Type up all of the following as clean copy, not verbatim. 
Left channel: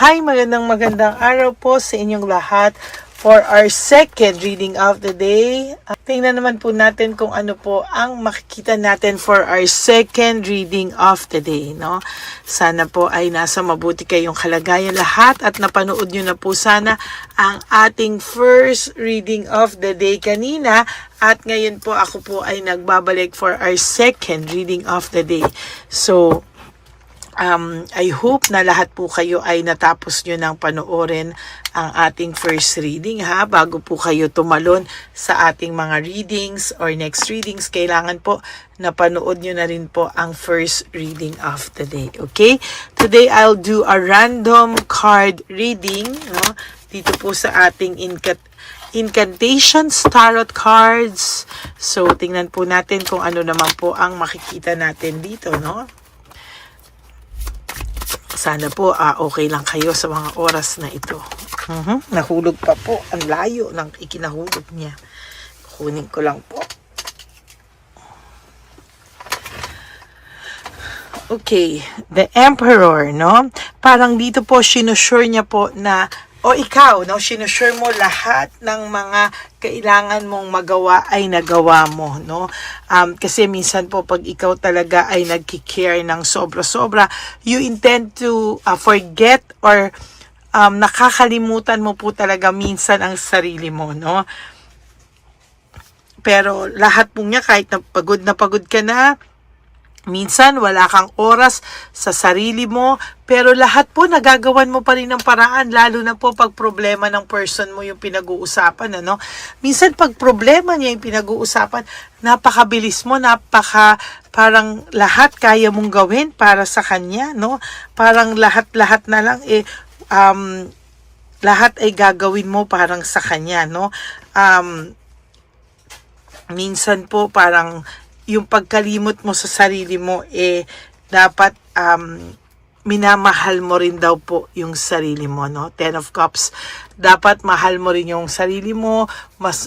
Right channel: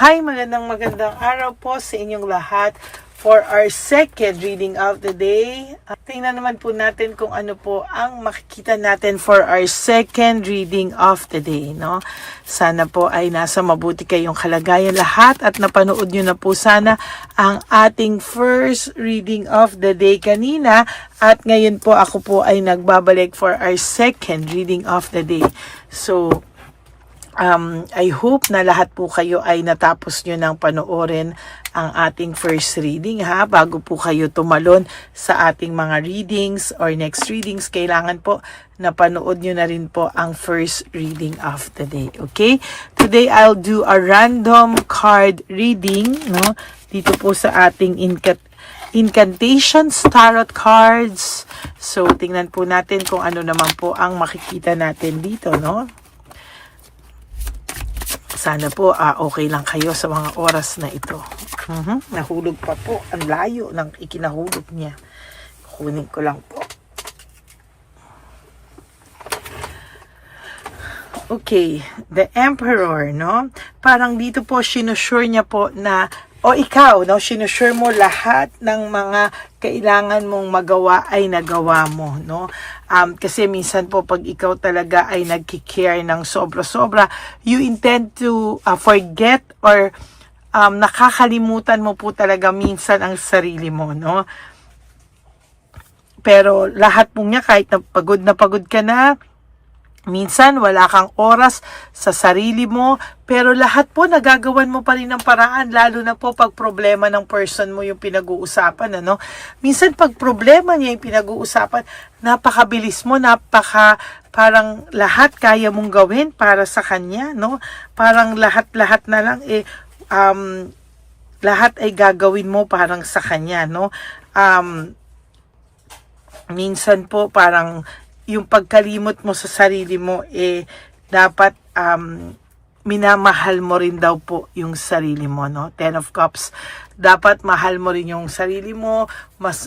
Hi, magandang araw po sa inyong lahat for our second reading of the day. Tingnan naman po natin kung ano po ang makikita natin for our second reading of the day, no? Sana po ay nasa mabuti kayong kalagayan lahat at napanood nyo na po sana ang ating first reading of the day kanina at ngayon po ako po ay nagbabalik for our second reading of the day. So, I hope na lahat po kayo ay natapos nyo ng panoorin ang ating first reading bago po kayo tumalon sa ating mga readings or next readings. Kailangan po napanood nyo na rin po ang first reading of the day. Okay? Today I'll do a random card reading, no? Dito po sa ating Incantations Tarot Cards. So tingnan po natin kung ano naman po ang makikita natin dito, no? Sana po okay lang kayo sa mga oras na ito. Nahulog pa po. Ang layo ng ikinahulog niya. Kunin ko lang po. Okay. The Emperor, no? Parang dito po, sinusure niya po na ikaw, no, sinusure mo lahat ng mga kailangan mong magawa ay nagawa mo, no? Kasi minsan po pag ikaw talaga ay nagki-care ng sobra-sobra, you intend to forget or nakakalimutan mo po talaga minsan ang sarili mo, no? Pero lahat po niya, kahit na pagod ka na, minsan wala kang oras sa sarili mo, pero lahat po nagagawan mo pa rin ng paraan, lalo na po pag problema ng person mo yung pinag-uusapan, ano? Minsan pag problema niya yung pinag-uusapan, napakabilis mo, parang lahat kaya mong gawin para sa kanya, no? Parang lahat na lang lahat ay gagawin mo parang sa kanya, no? Minsan po parang yung pagkalimot mo sa sarili mo, dapat minamahal mo rin daw po yung sarili mo, no? Ten of Cups, dapat mahal mo rin yung sarili mo, mas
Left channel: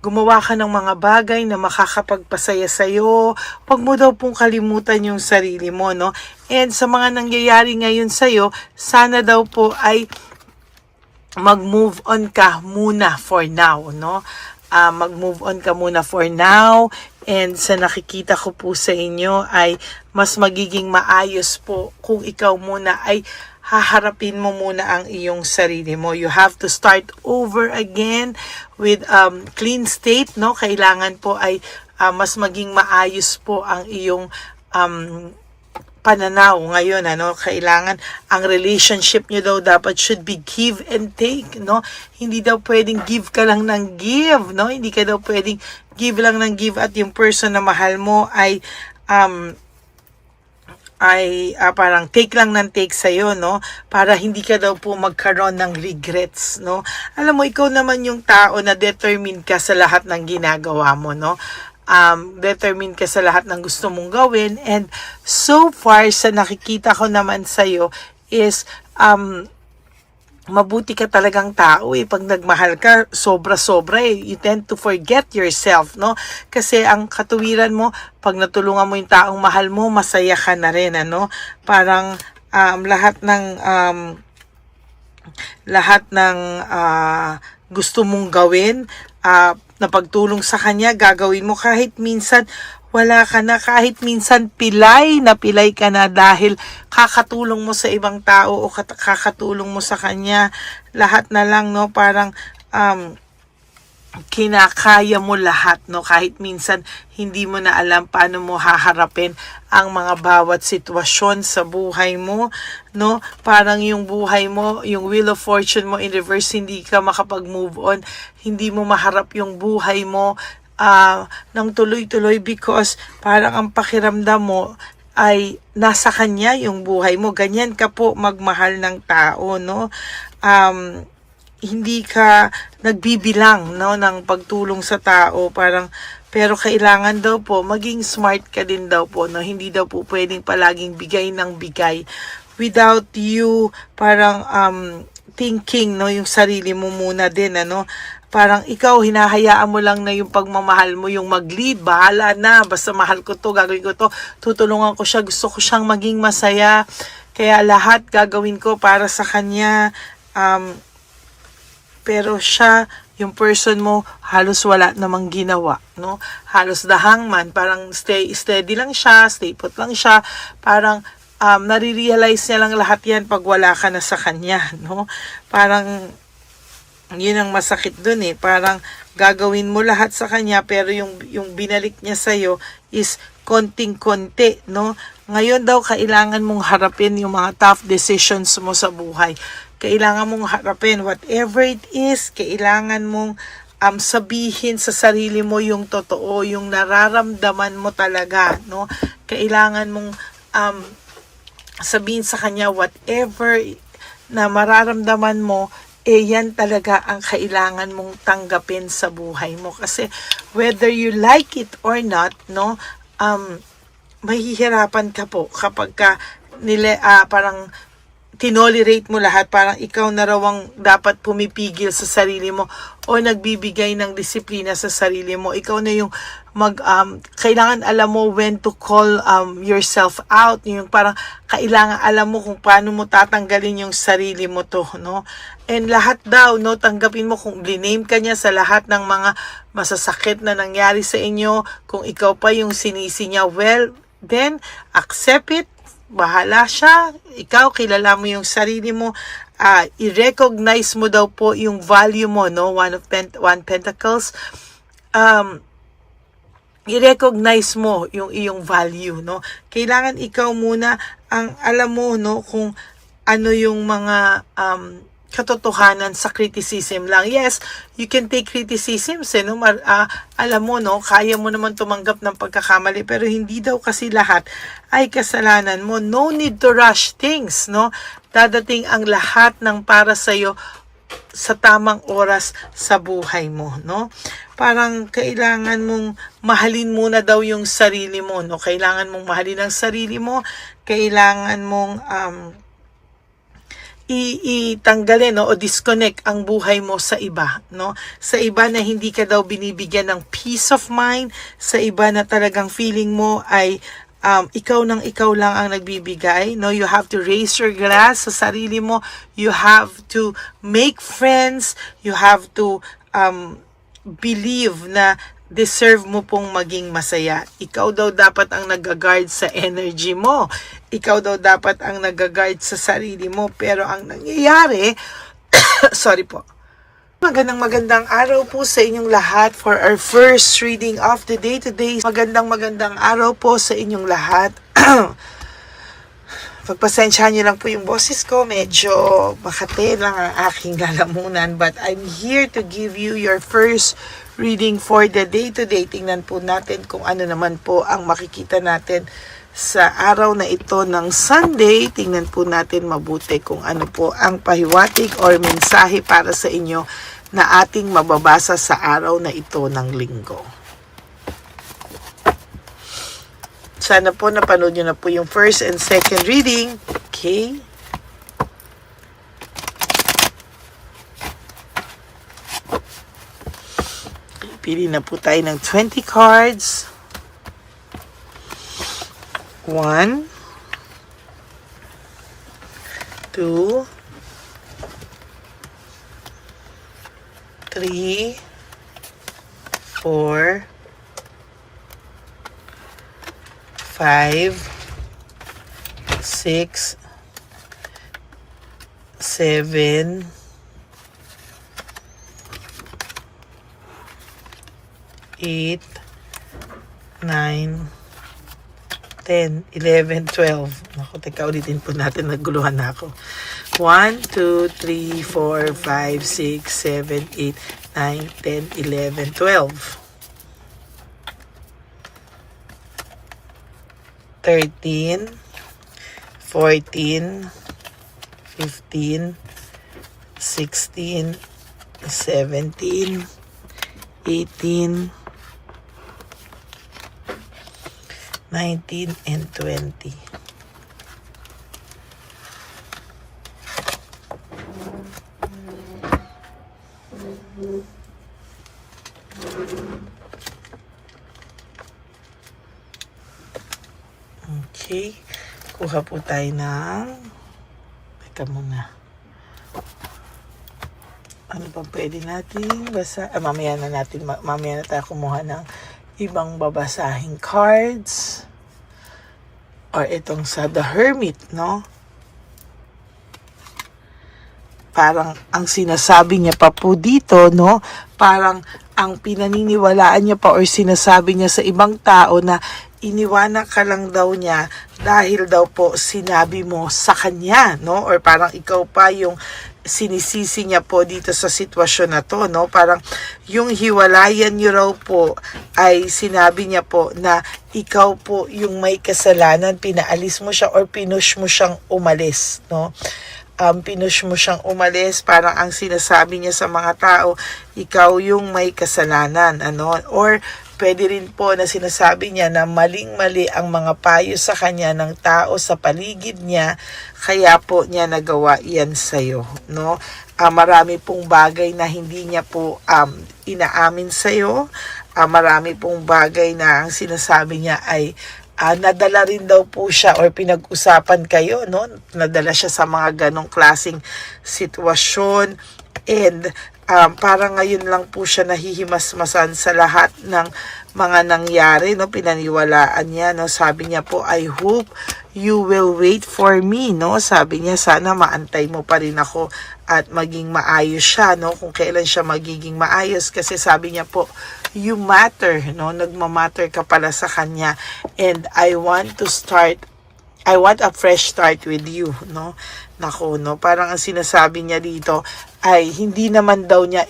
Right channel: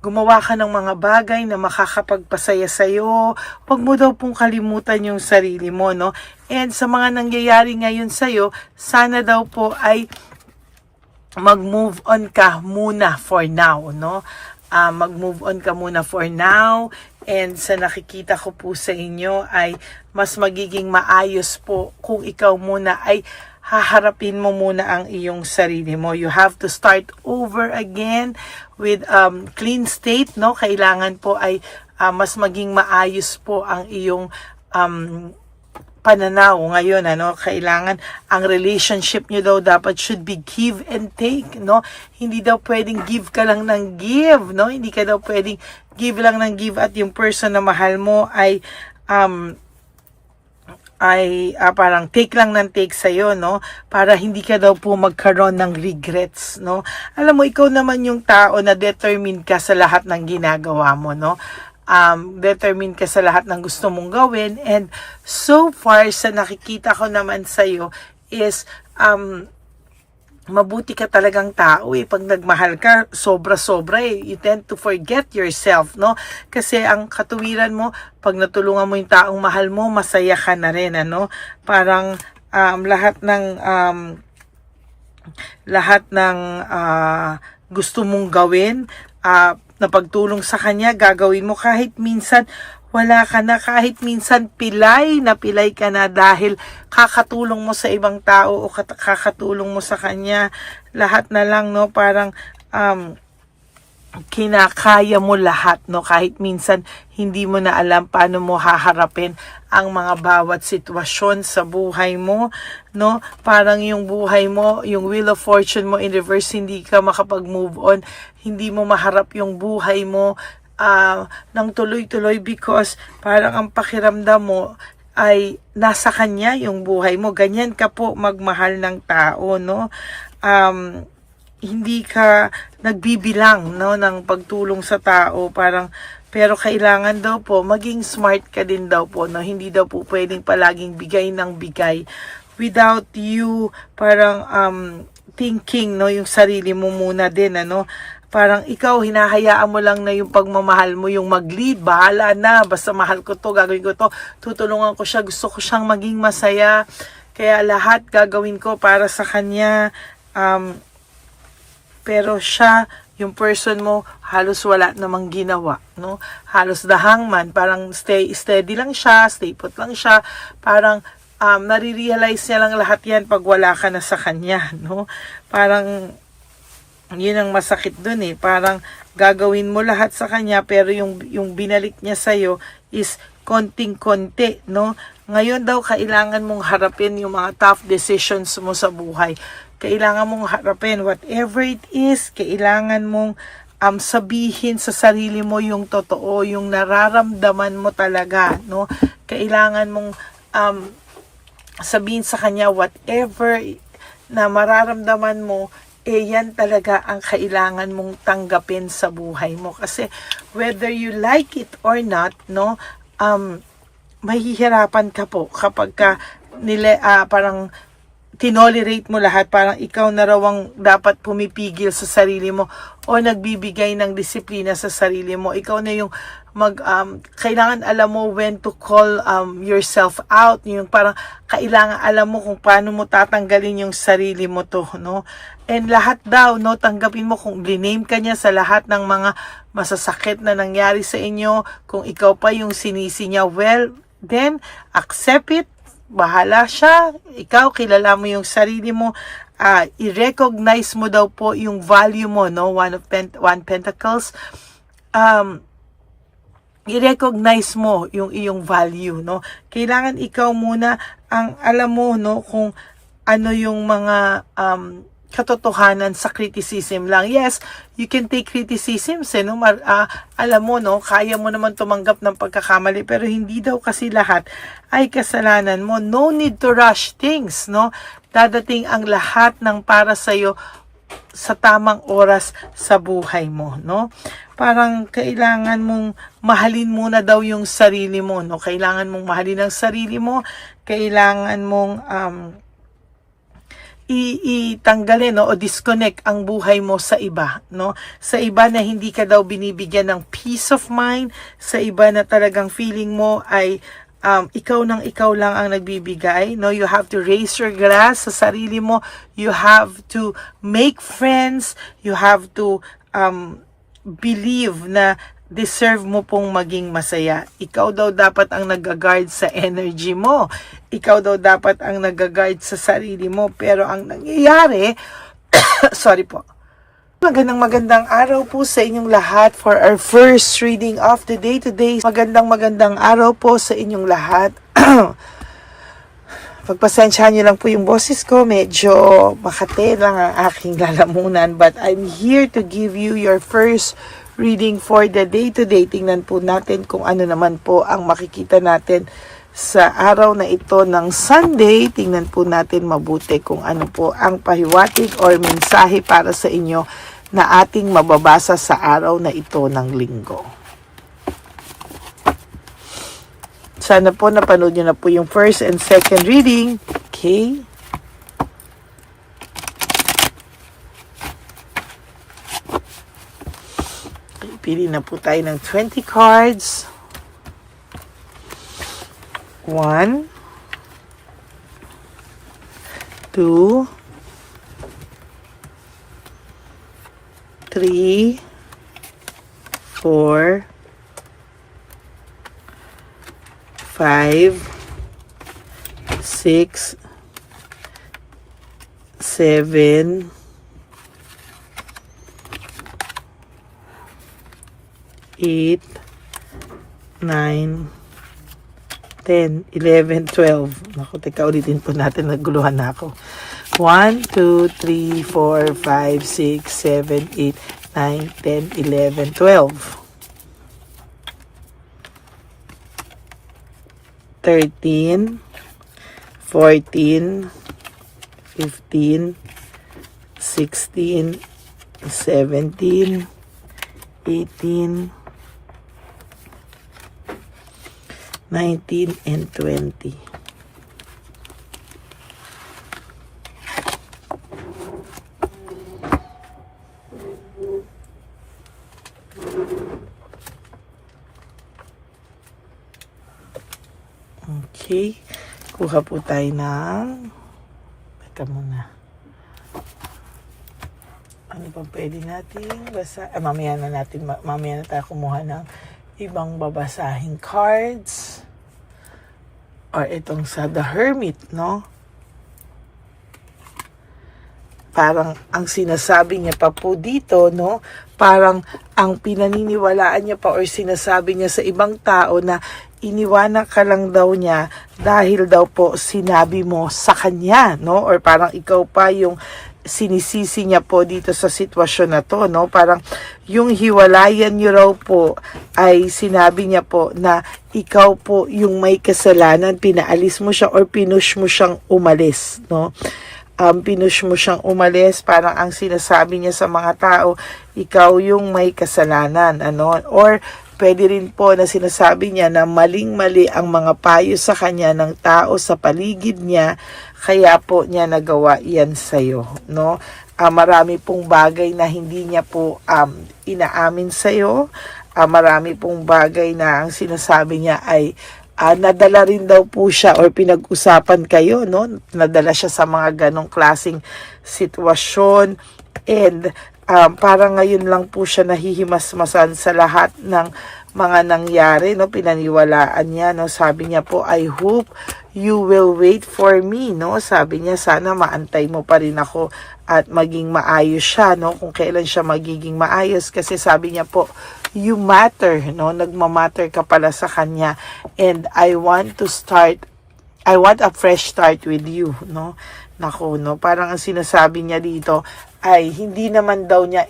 gumawa ka ng mga bagay na makakapagpasaya sa'yo, huwag mo daw pong kalimutan yung sarili mo, no? And sa mga nangyayari ngayon sa'yo, sana daw po ay mag-move on ka muna for now, no? Mag-move on ka muna for now. And sa nakikita ko po sa inyo ay mas magiging maayos po kung ikaw muna ay haharapin mo muna ang iyong sarili mo. You have to start over again with clean state, no? Kailangan po ay mas maging maayos po ang iyong pananaw ngayon, ano? Kailangan ang relationship nyo daw dapat should be give and take, no? Hindi daw pwedeng give ka lang ng give, no? Hindi ka daw pwedeng give lang ng give at yung person na mahal mo ay parang take lang ng take sa'yo, no? Para hindi ka daw po magkaroon ng regrets, no? Alam mo, ikaw naman yung tao na determined ka sa lahat ng ginagawa mo, no? Determined ka sa lahat ng gusto mong gawin, and so far sa nakikita ko naman sa'yo is mabuti ka talagang tao pag nagmahal ka sobra-sobra you tend to forget yourself, no? Kasi ang katuwiran mo, pag natulungan mo yung taong mahal mo, masaya ka na rin, ano? Parang lahat ng gusto mong gawin, na pagtulong sa kanya, gagawin mo kahit minsan wala ka na, kahit minsan pilay ka na dahil kakatulong mo sa ibang tao o kakatulong mo sa kanya. Lahat na lang, no? Parang kinakaya mo lahat, no? Kahit minsan hindi mo na alam paano mo haharapin ang mga bawat sitwasyon sa buhay mo, no? Parang yung buhay mo, yung wheel of fortune mo in reverse, hindi ka makapag-move on, hindi mo maharap yung buhay mo ng tuloy-tuloy because parang ang pakiramdam mo ay nasa kanya yung buhay mo. Ganyan ka po magmahal ng tao, no? Hindi ka nagbibilang, no, ng pagtulong sa tao, pero kailangan daw po maging smart ka din daw po, no? Hindi daw po pwedeng palaging bigay ng bigay without you parang thinking, no, yung sarili mo muna din, ano? Parang ikaw, hinahayaan mo lang na yung pagmamahal mo, yung mag-lead, bahala na, basta mahal ko to, gagawin ko to, tutulungan ko siya, gusto ko siyang maging masaya. Kaya lahat gagawin ko para sa kanya. Pero siya, yung person mo, halos wala namang ginawa, no? Halos the hangman, parang steady lang siya, stay put lang siya, parang nare-realize niya lang lahat yan pag wala ka na sa kanya, no? Parang, yun ang masakit dun eh. Parang gagawin mo lahat sa kanya, pero yung binalik niya sa'yo is konting-konti, no? Ngayon daw, kailangan mong harapin yung mga tough decisions mo sa buhay. Kailangan mong harapin whatever it is. Kailangan mong sabihin sa sarili mo yung totoo, yung nararamdaman mo talaga, no? Kailangan mong sabihin sa kanya whatever na mararamdaman mo, yan talaga ang kailangan mong tanggapin sa buhay mo. Kasi whether you like it or not, no, mahihirapan ka po kapag ka parang tinolerate mo lahat, parang ikaw na raw ang dapat pumipigil sa sarili mo o nagbibigay ng disiplina sa sarili mo. Ikaw na yung kailangan alam mo when to call yourself out. Yung parang kailangan alam mo kung paano mo tatanggalin yung sarili mo to, no? And lahat daw, no, tanggapin mo kung liname ka niya sa lahat ng mga masasakit na nangyari sa inyo, kung ikaw pa yung sinisi niya, well, then accept it. Bahala siya. Ikaw, kilala mo yung sarili mo. I-recognize mo daw po yung value mo, no? One Pentacles. I-recognize mo yung iyong value, no? Kailangan ikaw muna ang alam mo, no, kung ano yung mga katotohanan sa criticism lang. Yes, you can take criticisms, no? Alam mo, no, kaya mo naman tumanggap ng pagkakamali, pero hindi daw kasi lahat ay kasalanan mo. No need to rush things, no? Dadating ang lahat ng para sa'yo sa tamang oras sa buhay mo, no? Parang kailangan mong mahalin muna daw yung sarili mo, no? Kailangan mong mahalin ang sarili mo, kailangan mong itanggalin, no, o disconnect ang buhay mo sa iba, no? Sa iba na hindi ka daw binibigyan ng peace of mind, sa iba na talagang feeling mo ay ikaw lang ang nagbibigay, no? You have to raise your glass sa sarili mo. You have to make friends. You have to believe na deserve mo pong maging masaya. Ikaw daw dapat ang nag-guard sa energy mo. Ikaw daw dapat ang nag-guard sa sarili mo. Pero ang nangyayari, sorry po. Magandang araw po sa inyong lahat for our first reading of the day today. Magandang araw po sa inyong lahat. Pagpasensyahan niyo lang po yung boses ko. Medyo makate lang ang aking lalamunan. But I'm here to give you your first reading for the day today. Tingnan po natin kung ano naman po ang makikita natin sa araw na ito ng Sunday. Tingnan po natin mabuti kung ano po ang pahiwatig or mensahe para sa inyo na ating mababasa sa araw na ito ng linggo. Sana po napanood nyo na po yung first and second reading. Okay. Pili na po tayo ng 20 cards. 1, 2, 3, 4, 5, 6, 7, 8, 9, 10, 11, 12. Naku, teka, ulitin po natin. Naguluhan na ako. 1, 2, 3, 4, 5, 6, 7, 8, 9, 10, 11, 12. 13, 14, 15, 16, 17, 18, 19, and 20. Okay. kuha po tayo ng, teka muna, ano pa pwede natin basa, mamaya na tayo kumuha ng ibang babasahing cards, or itong sa The Hermit, no? Parang ang sinasabi niya pa po dito, no? Parang ang pinaniniwalaan niya pa or sinasabi niya sa ibang tao na iniwanan ka lang daw niya dahil daw po sinabi mo sa kanya, no? Or parang ikaw pa yung sinisisi niya po dito sa sitwasyon na to, no? Parang yung hiwalayan niyo raw po ay sinabi niya po na ikaw po yung may kasalanan, pinaalis mo siya or pinush mo siyang umalis, no? Pinush mo siyang umalis, parang ang sinasabi niya sa mga tao, ikaw yung may kasalanan, ano? Or pwede rin po na sinasabi niya na maling-mali ang mga payo sa kanya ng tao sa paligid niya, kaya po niya nagawa yan sa'yo, no? Marami pong bagay na hindi niya po inaamin sa'yo, marami pong bagay na ang sinasabi niya ay nadala rin daw po siya or pinag-usapan kayo, no? Nadala siya sa mga ganong klaseng sitwasyon, and parang ngayon lang po siya nahihimasmasan sa lahat ng mga nangyari, no? Pinaniwalaan niya, no? Sabi niya po, I hope you will wait for me, no? Sabi niya, sana maantay mo pa rin ako at maging maayos siya, no? Kung kailan siya magiging maayos, kasi sabi niya po, you matter, no? Nagmamatter ka pala sa kanya, and I want a fresh start with you, no? Naku, no? Parang ang sinasabi niya dito ay hindi naman daw niya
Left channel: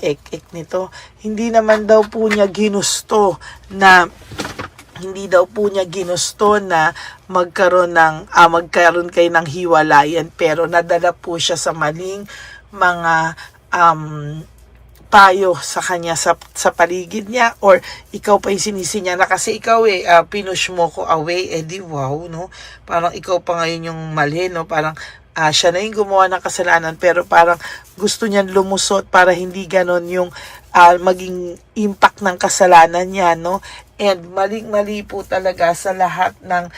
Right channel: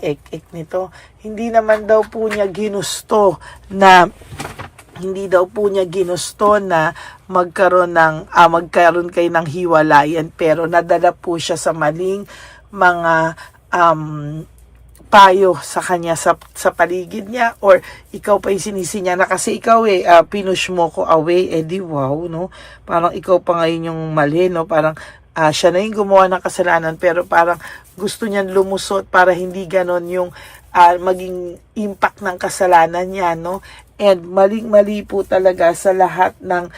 nito. Hindi naman daw po niya ginusto na magkaroon kayo ng hiwalayan, pero nadala po siya sa maling mga payo sa kanya sa paligid niya, or ikaw pa yung sinisi niya na kasi ikaw pinush mo ko away, di wow, no? Parang ikaw pa ngayon yung mali, no? Parang siya na yung gumawa ng kasalanan, pero parang gusto niyan lumusot para hindi ganon yung maging impact ng kasalanan niya, no? And maling-mali po talaga sa lahat ng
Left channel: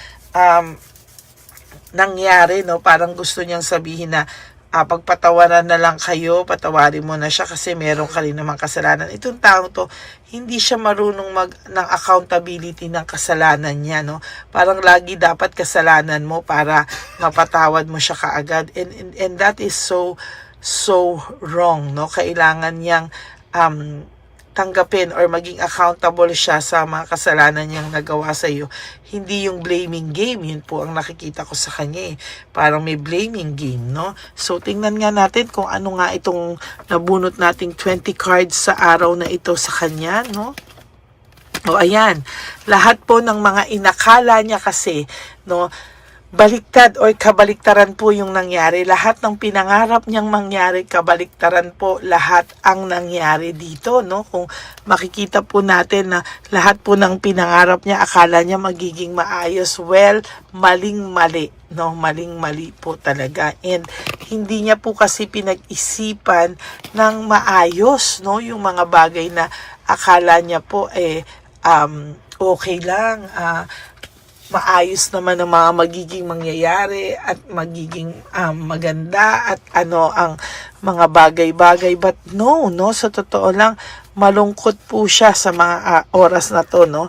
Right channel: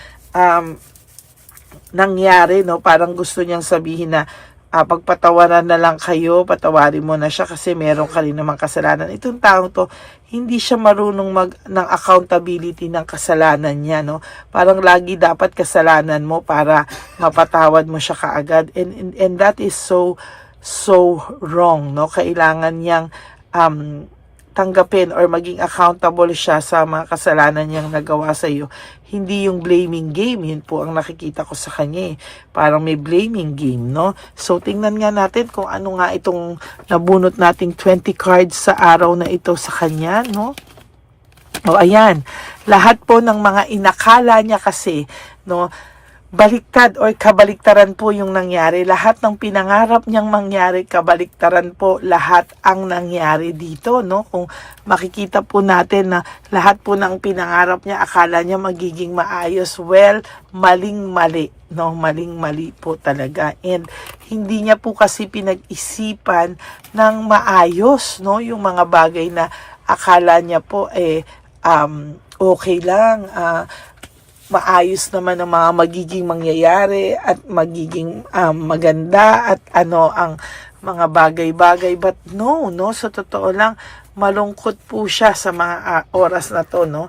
nangyari, no? Parang gusto niyang sabihin na pagpatawaran na lang kayo, patawarin mo na siya kasi meron ka rin namang kasalanan. Itong taong to, hindi siya marunong ng accountability ng kasalanan niya, no? Parang lagi dapat kasalanan mo para mapatawad mo siya kaagad. And that is so wrong, no? Kailangan niyang tanggapin or maging accountable siya sa mga kasalanan niyang nagawa sa iyo. Hindi yung blaming game, yun po ang nakikita ko sa kanya. Parang may blaming game, no? So, tingnan nga natin kung ano nga itong nabunot nating 20 cards sa araw na ito sa kanya, no? O, ayan. Lahat po ng mga inakala niya kasi, no, baliktad o kabaliktaran po yung nangyari. Lahat ng pinangarap niyang mangyari, kabaliktaran po lahat ang nangyari dito, no? Kung makikita po natin na lahat po ng pinangarap niya, akala niya magiging maayos. Well, maling-mali, no? Maling-mali po talaga. And hindi niya po kasi pinag-isipan ng maayos, no? Yung mga bagay na akala niya po okay lang, maayos naman ang mga magiging mangyayari at magiging maganda at ano ang mga bagay-bagay, but no, sa totoo lang malungkot po siya sa mga oras na to, no?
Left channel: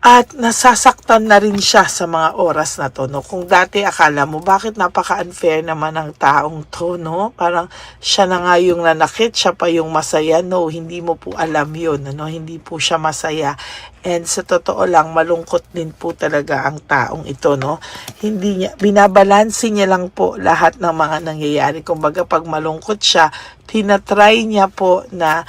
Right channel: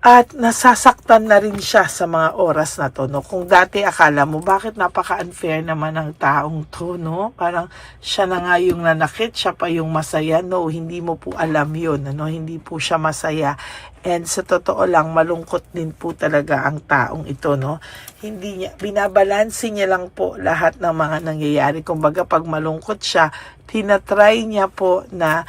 At nasasaktan na rin siya sa mga oras na to, no? Kung dati akala mo, bakit napaka-unfair naman ng taong to, no? Parang siya na nga yung nanakit, siya pa yung masaya. No, hindi mo po alam yun, no? Hindi po siya masaya. And sa totoo lang, malungkot din po talaga ang taong ito, no? Hindi niya, binabalansi niya lang po lahat ng mga nangyayari. Kumbaga, pag malungkot siya, tinatry niya po na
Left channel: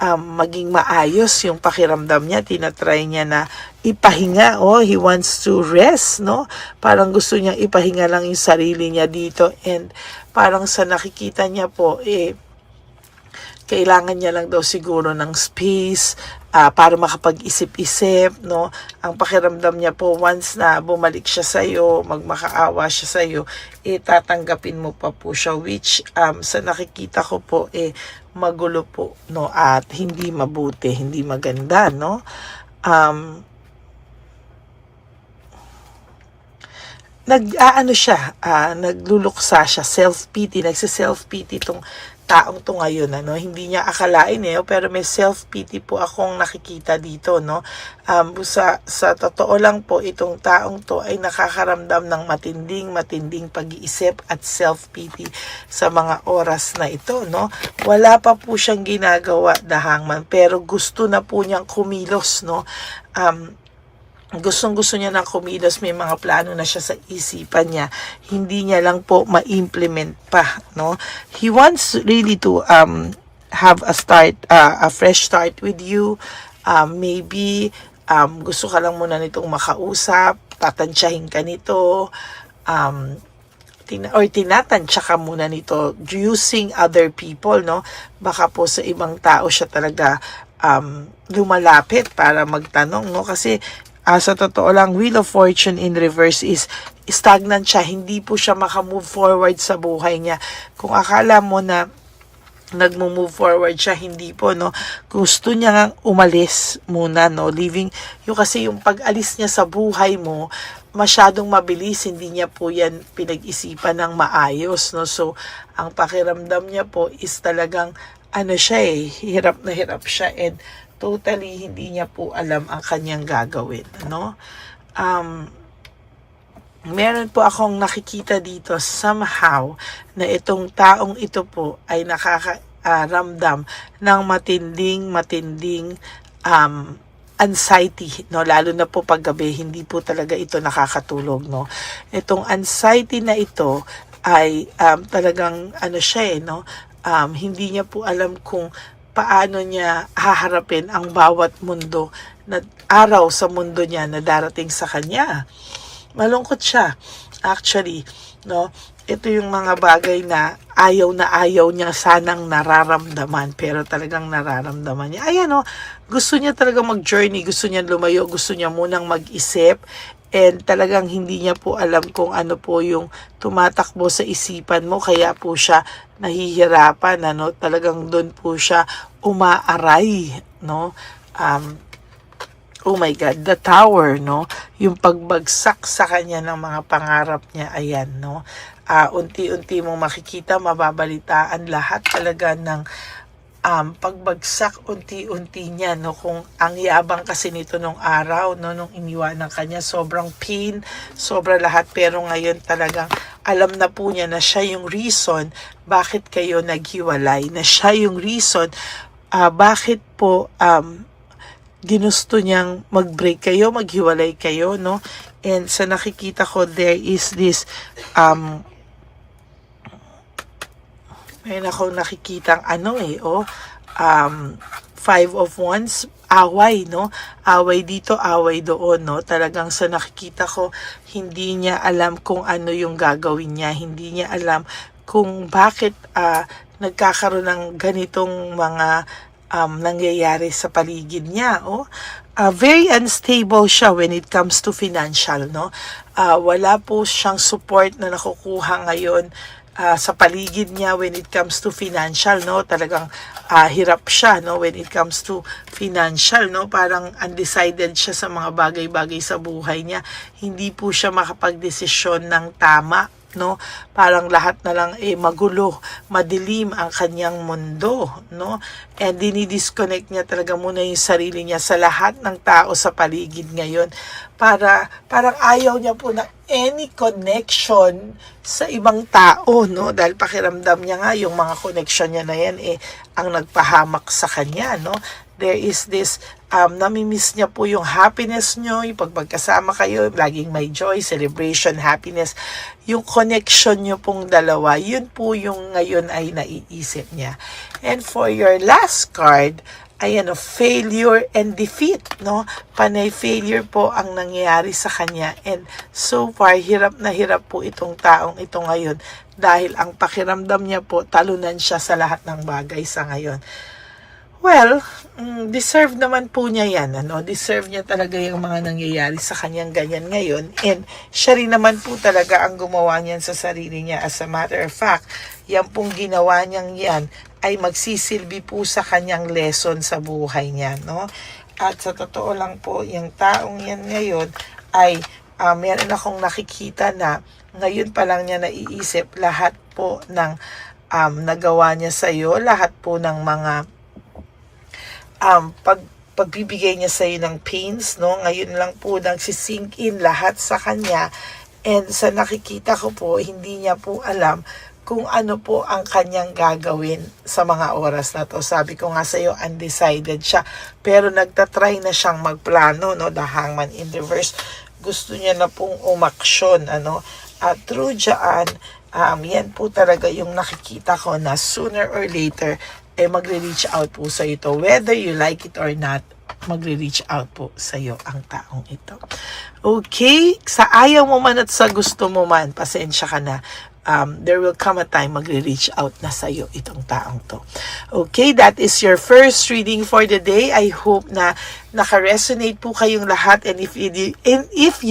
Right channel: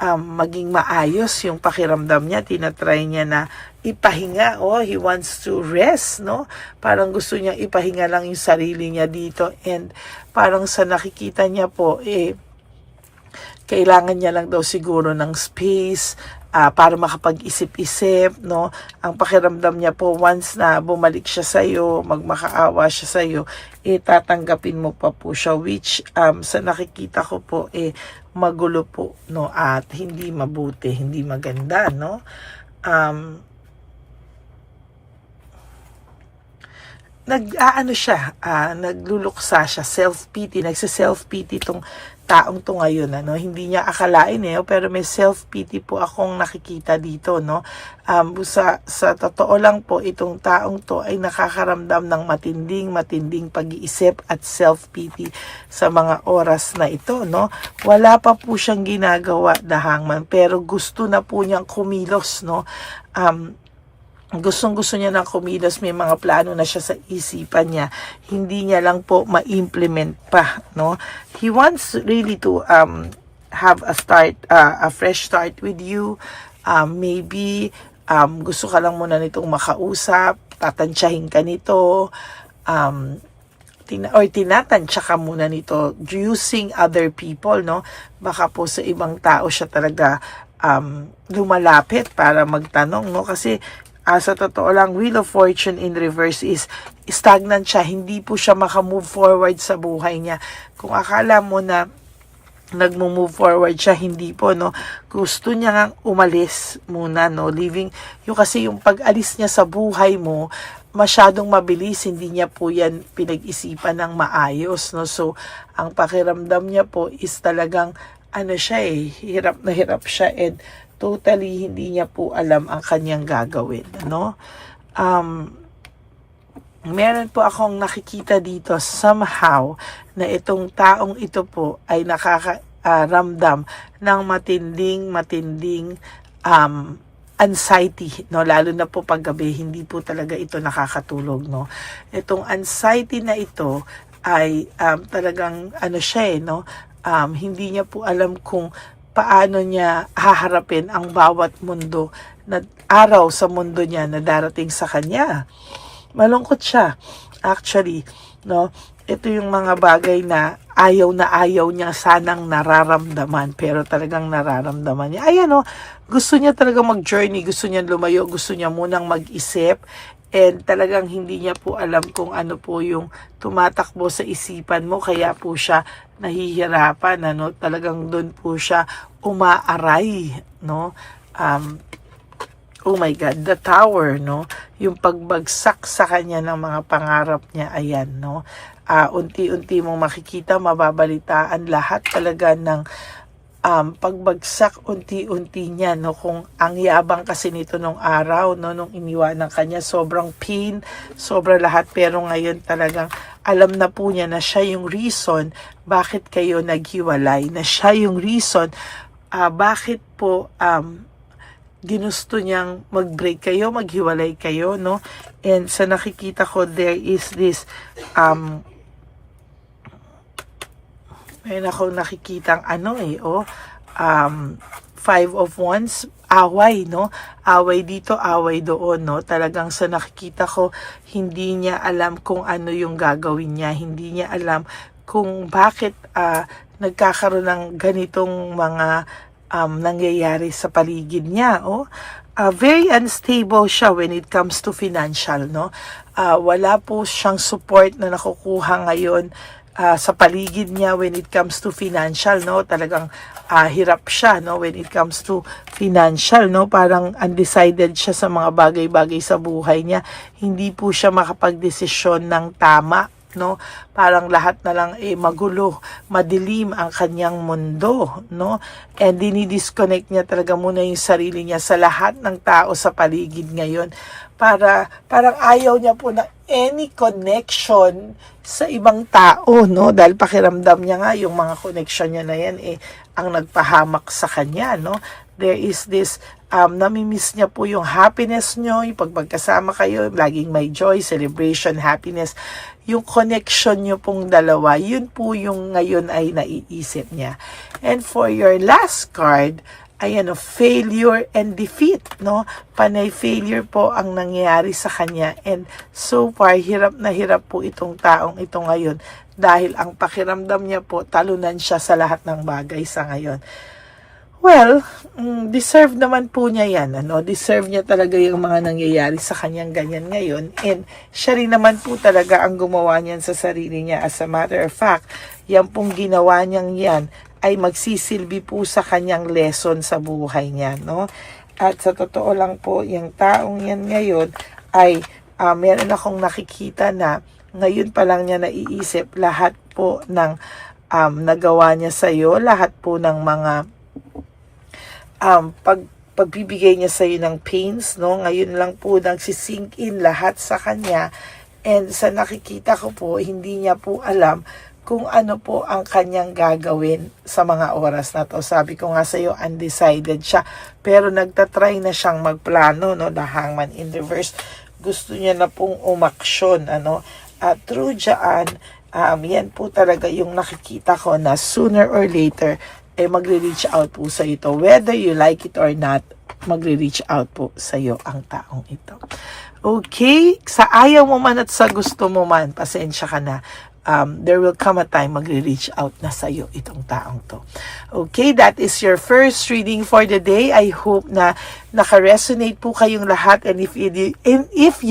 maging maayos yung pakiramdam niya. Tinatry niya na ipahinga, he wants to rest, no? Parang gusto niya ipahinga lang yung sarili niya dito, and parang sa nakikita niya po, kailangan niya lang daw siguro ng space, para makapag-isip-isip, no? Ang pakiramdam niya po, once na bumalik siya sa'yo, magmakaawa siya sa'yo, tatanggapin mo pa po siya, which sa nakikita ko po, magulo po, no? At hindi mabuti, hindi maganda, no? nag-aano siya, nagluluksa siya, self-pity, nagsa-self-pity itong taong to ngayon, ano, hindi niya akalain pero may self-pity po akong nakikita dito, no. Sa totoo lang po, itong taong to ay nakakaramdam ng matinding pag-iisip at self-pity sa mga oras na ito, no. Wala pa po siyang ginagawa, the hangman, pero gusto na po niyang kumilos, no. Gustong-gusto niya ng kumilos, may mga plano na siya sa isipan niya, hindi niya lang po ma-implement pa, no. He wants really to have a fresh start with you. Maybe gusto ka lang muna nitong makausap, tatansyahin ka nito, tinatansya ka muna nito using other people, no. Baka po sa ibang tao siya talaga lumalapit para magtanong, no, kasi sa totoo lang, Wheel of Fortune in reverse is stagnant siya. Hindi po siya makamove forward sa buhay niya. Kung akala mo na nagmo-move forward siya, hindi po, no. Gusto niya ngang umalis muna, no. Kasi yung pag-alis niya sa buhay mo, masyadong mabilis, hindi niya po yan pinag-isipan ng maayos, no. So, ang pakiramdam niya po is talagang, hirap na hirap siya, and totally hindi niya po alam ang kanyang gagawin, no? Meron po akong nakikita dito somehow na itong taong ito po ay nakakaramdam ng matinding anxiety, no? Lalo na po paggabi, hindi po talaga ito nakakatulog, no? Itong anxiety na ito ay talagang no? Hindi niya po alam kung paano niya haharapin ang bawat araw sa mundo niya na darating sa kanya. Malungkot siya, actually, no? Ito yung mga bagay na ayaw niya sanang nararamdaman, pero talagang nararamdaman niya. Ayan, no? Gusto niya talaga mag-journey, gusto niya lumayo, gusto niya munang mag-isip, and talagang hindi niya po alam kung ano po yung tumatakbo sa isipan mo, kaya po siya nahihirapan, ano, talagang doon po siya umaaray, no. Oh my God, the tower, no, yung pagbagsak sa kanya ng mga pangarap niya, ayan, no. Unti-unti mong makikita, mababalitaan lahat talaga ng pagbagsak unti-unti niya, no, kung ang yabang kasi nito nung araw, no, nung iniwanan kanya, sobrang pain, sobrang lahat, pero ngayon talagang alam na po niya na siya yung reason bakit kayo naghiwalay, na siya yung reason bakit po ginusto niyang mag-break kayo, maghiwalay kayo, no. And sa nakikita ko, there is this mayroon akong nakikitang Five of Wands, away, no? Away dito, away doon, no? Talagang sa nakikita ko, hindi niya alam kung ano yung gagawin niya. Hindi niya alam kung bakit nagkakaroon ng ganitong mga nangyayari sa paligid niya, very unstable siya when it comes to financial, no? Wala po siyang support na nakukuha ngayon sa paligid niya when it comes to financial, no. Talagang hirap siya, no, when it comes to financial, no. Parang undecided siya sa mga bagay-bagay sa buhay niya. Hindi po siya makapagdesisyon ng tama, no. Parang lahat na lang magulo, madilim ang kanyang mundo, no. And dinidisconnect niya talaga muna yung sarili niya sa lahat ng tao sa paligid ngayon. Parang ayaw niya po na any connection sa ibang tao, no? Dahil pakiramdam niya nga yung mga connection niya na yan ang nagpahamak sa kanya, no? There is this namimiss niya po yung happiness niyo, yung pagkasama kayo, laging may joy, celebration, happiness. Yung connection niyo pong dalawa, yun po yung ngayon ay naiisip niya. And for your last card, ayan, failure and defeat, no? Panay failure po ang nangyayari sa kanya, and so far, hirap na hirap po itong taong ito ngayon dahil ang pakiramdam niya po, talunan siya sa lahat ng bagay sa ngayon. Well, deserve naman po niya yan, ano? Deserve niya talaga yung mga nangyayari sa kanyang ganyan ngayon, and siya rin naman po talaga ang gumawa niyan sa sarili niya. As a matter of fact, yan pong ginawa niyang yan ay magsisilbi po sa kanyang lesson sa buhay niya, no? At sa totoo lang po, yung taong yan ngayon ay meron akong nakikita na ngayon pa lang niya naiisip lahat po ng nagawa niya sa'yo, lahat po ng mga pagbibigay niya sa'yo ng pains, no? Ngayon lang po nagsisink in lahat sa kanya. And sa nakikita ko po, hindi niya po alam kung ano po ang kanyang gagawin sa mga oras na to. Sabi ko nga sa'yo, undecided siya. Pero nagtatry na siyang magplano, no? The Hangman in reverse. Gusto niya na pong umaksyon, ano? At through dyan, yan po talaga yung nakikita ko na sooner or later, magre-reach out po sa ito. Whether you like it or not, magre-reach out po sa iyo ang taong ito. Okay? Sa ayaw mo man at sa gusto mo man, pasensya ka na. There will come a time magre-reach out na sa iyo itong taong to. Okay, that is your first reading for the day. I hope na naka-resonate po kayong lahat, and if you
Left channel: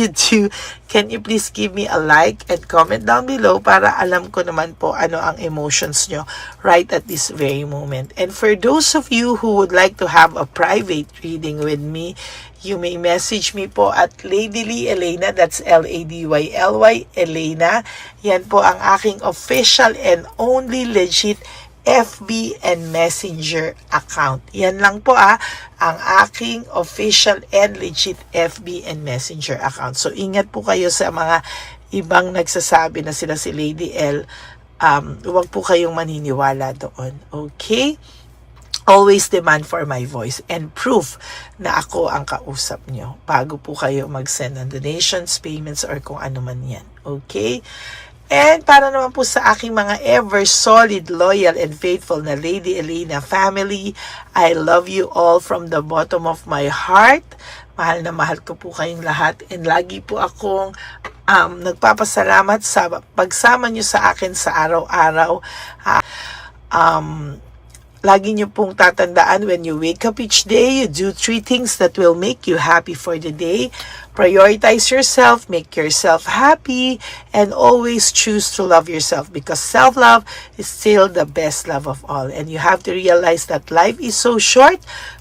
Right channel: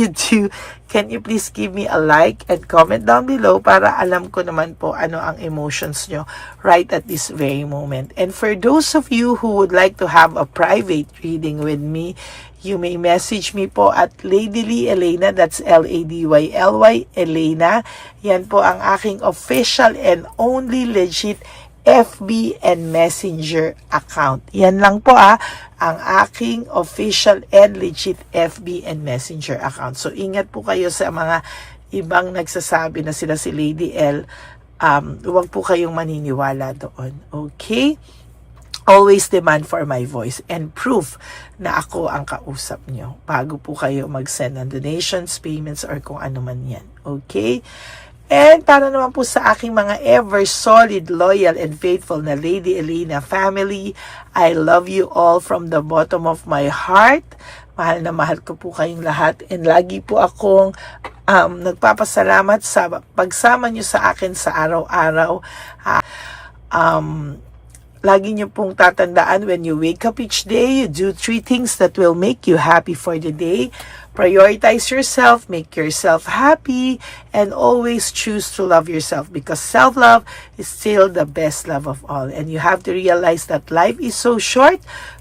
do, can you please give me a like and comment down below para alam ko naman po ano ang emotions nyo right at this very moment. And for those of you who would like to have a private reading with me, you may message me po at Ladyly Elena, that's Ladyly Elena. Yan po ang aking official and only legit FB and Messenger account. Yan lang po ang aking official and legit FB and Messenger account. So ingat po kayo sa mga ibang nagsasabi na sila si Lady L. Huwag po kayong maniniwala doon. Okay? Always demand for my voice and proof na ako ang kausap nyo bago po kayo mag-send ng donations, payments, or kung ano man yan. Okay? And para naman po sa aking mga ever solid, loyal, and faithful na Lady Elena family, I love you all from the bottom of my heart. Mahal na mahal ko po kayong lahat, and lagi po akong nagpapasalamat sa pagsama nyo sa akin sa araw-araw. Lagi niyo pong tatandaan, when you wake up each day, you do 3 things that will make you happy for the day. Prioritize yourself, make yourself happy, and always choose to love yourself, because self-love is still the best love of all. And you have to realize that life is so short.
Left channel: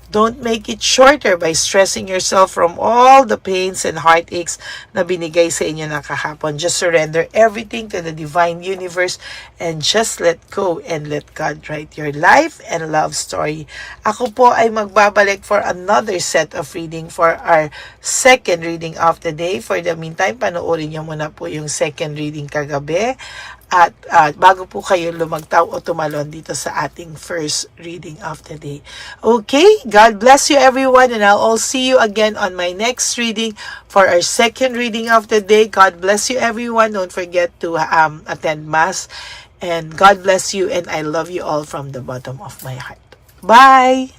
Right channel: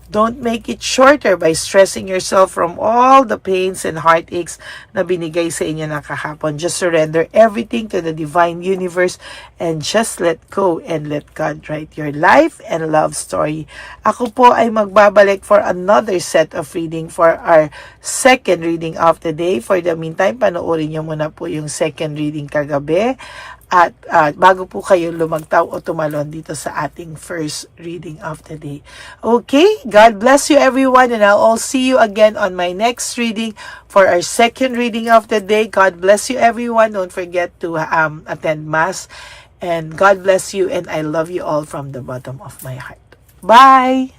Don't make it shorter by stressing yourself from all the pains and heartaches na binigay sa inyo ng kahapon. Just surrender everything to the divine universe and just let go and let God write your life and love story. Ako po ay magbabalik for another set of reading for our second reading of the day. For the meantime, panoorin nyo muna po yung second reading kagabi. At bago po kayo lumagtaw o tumalon dito sa ating first reading of the day. Okay, God bless you everyone, and I'll all see you again on my next reading for our second reading of the day. God bless you everyone. Don't forget to attend Mass, and God bless you, and I love you all from the bottom of my heart. Bye!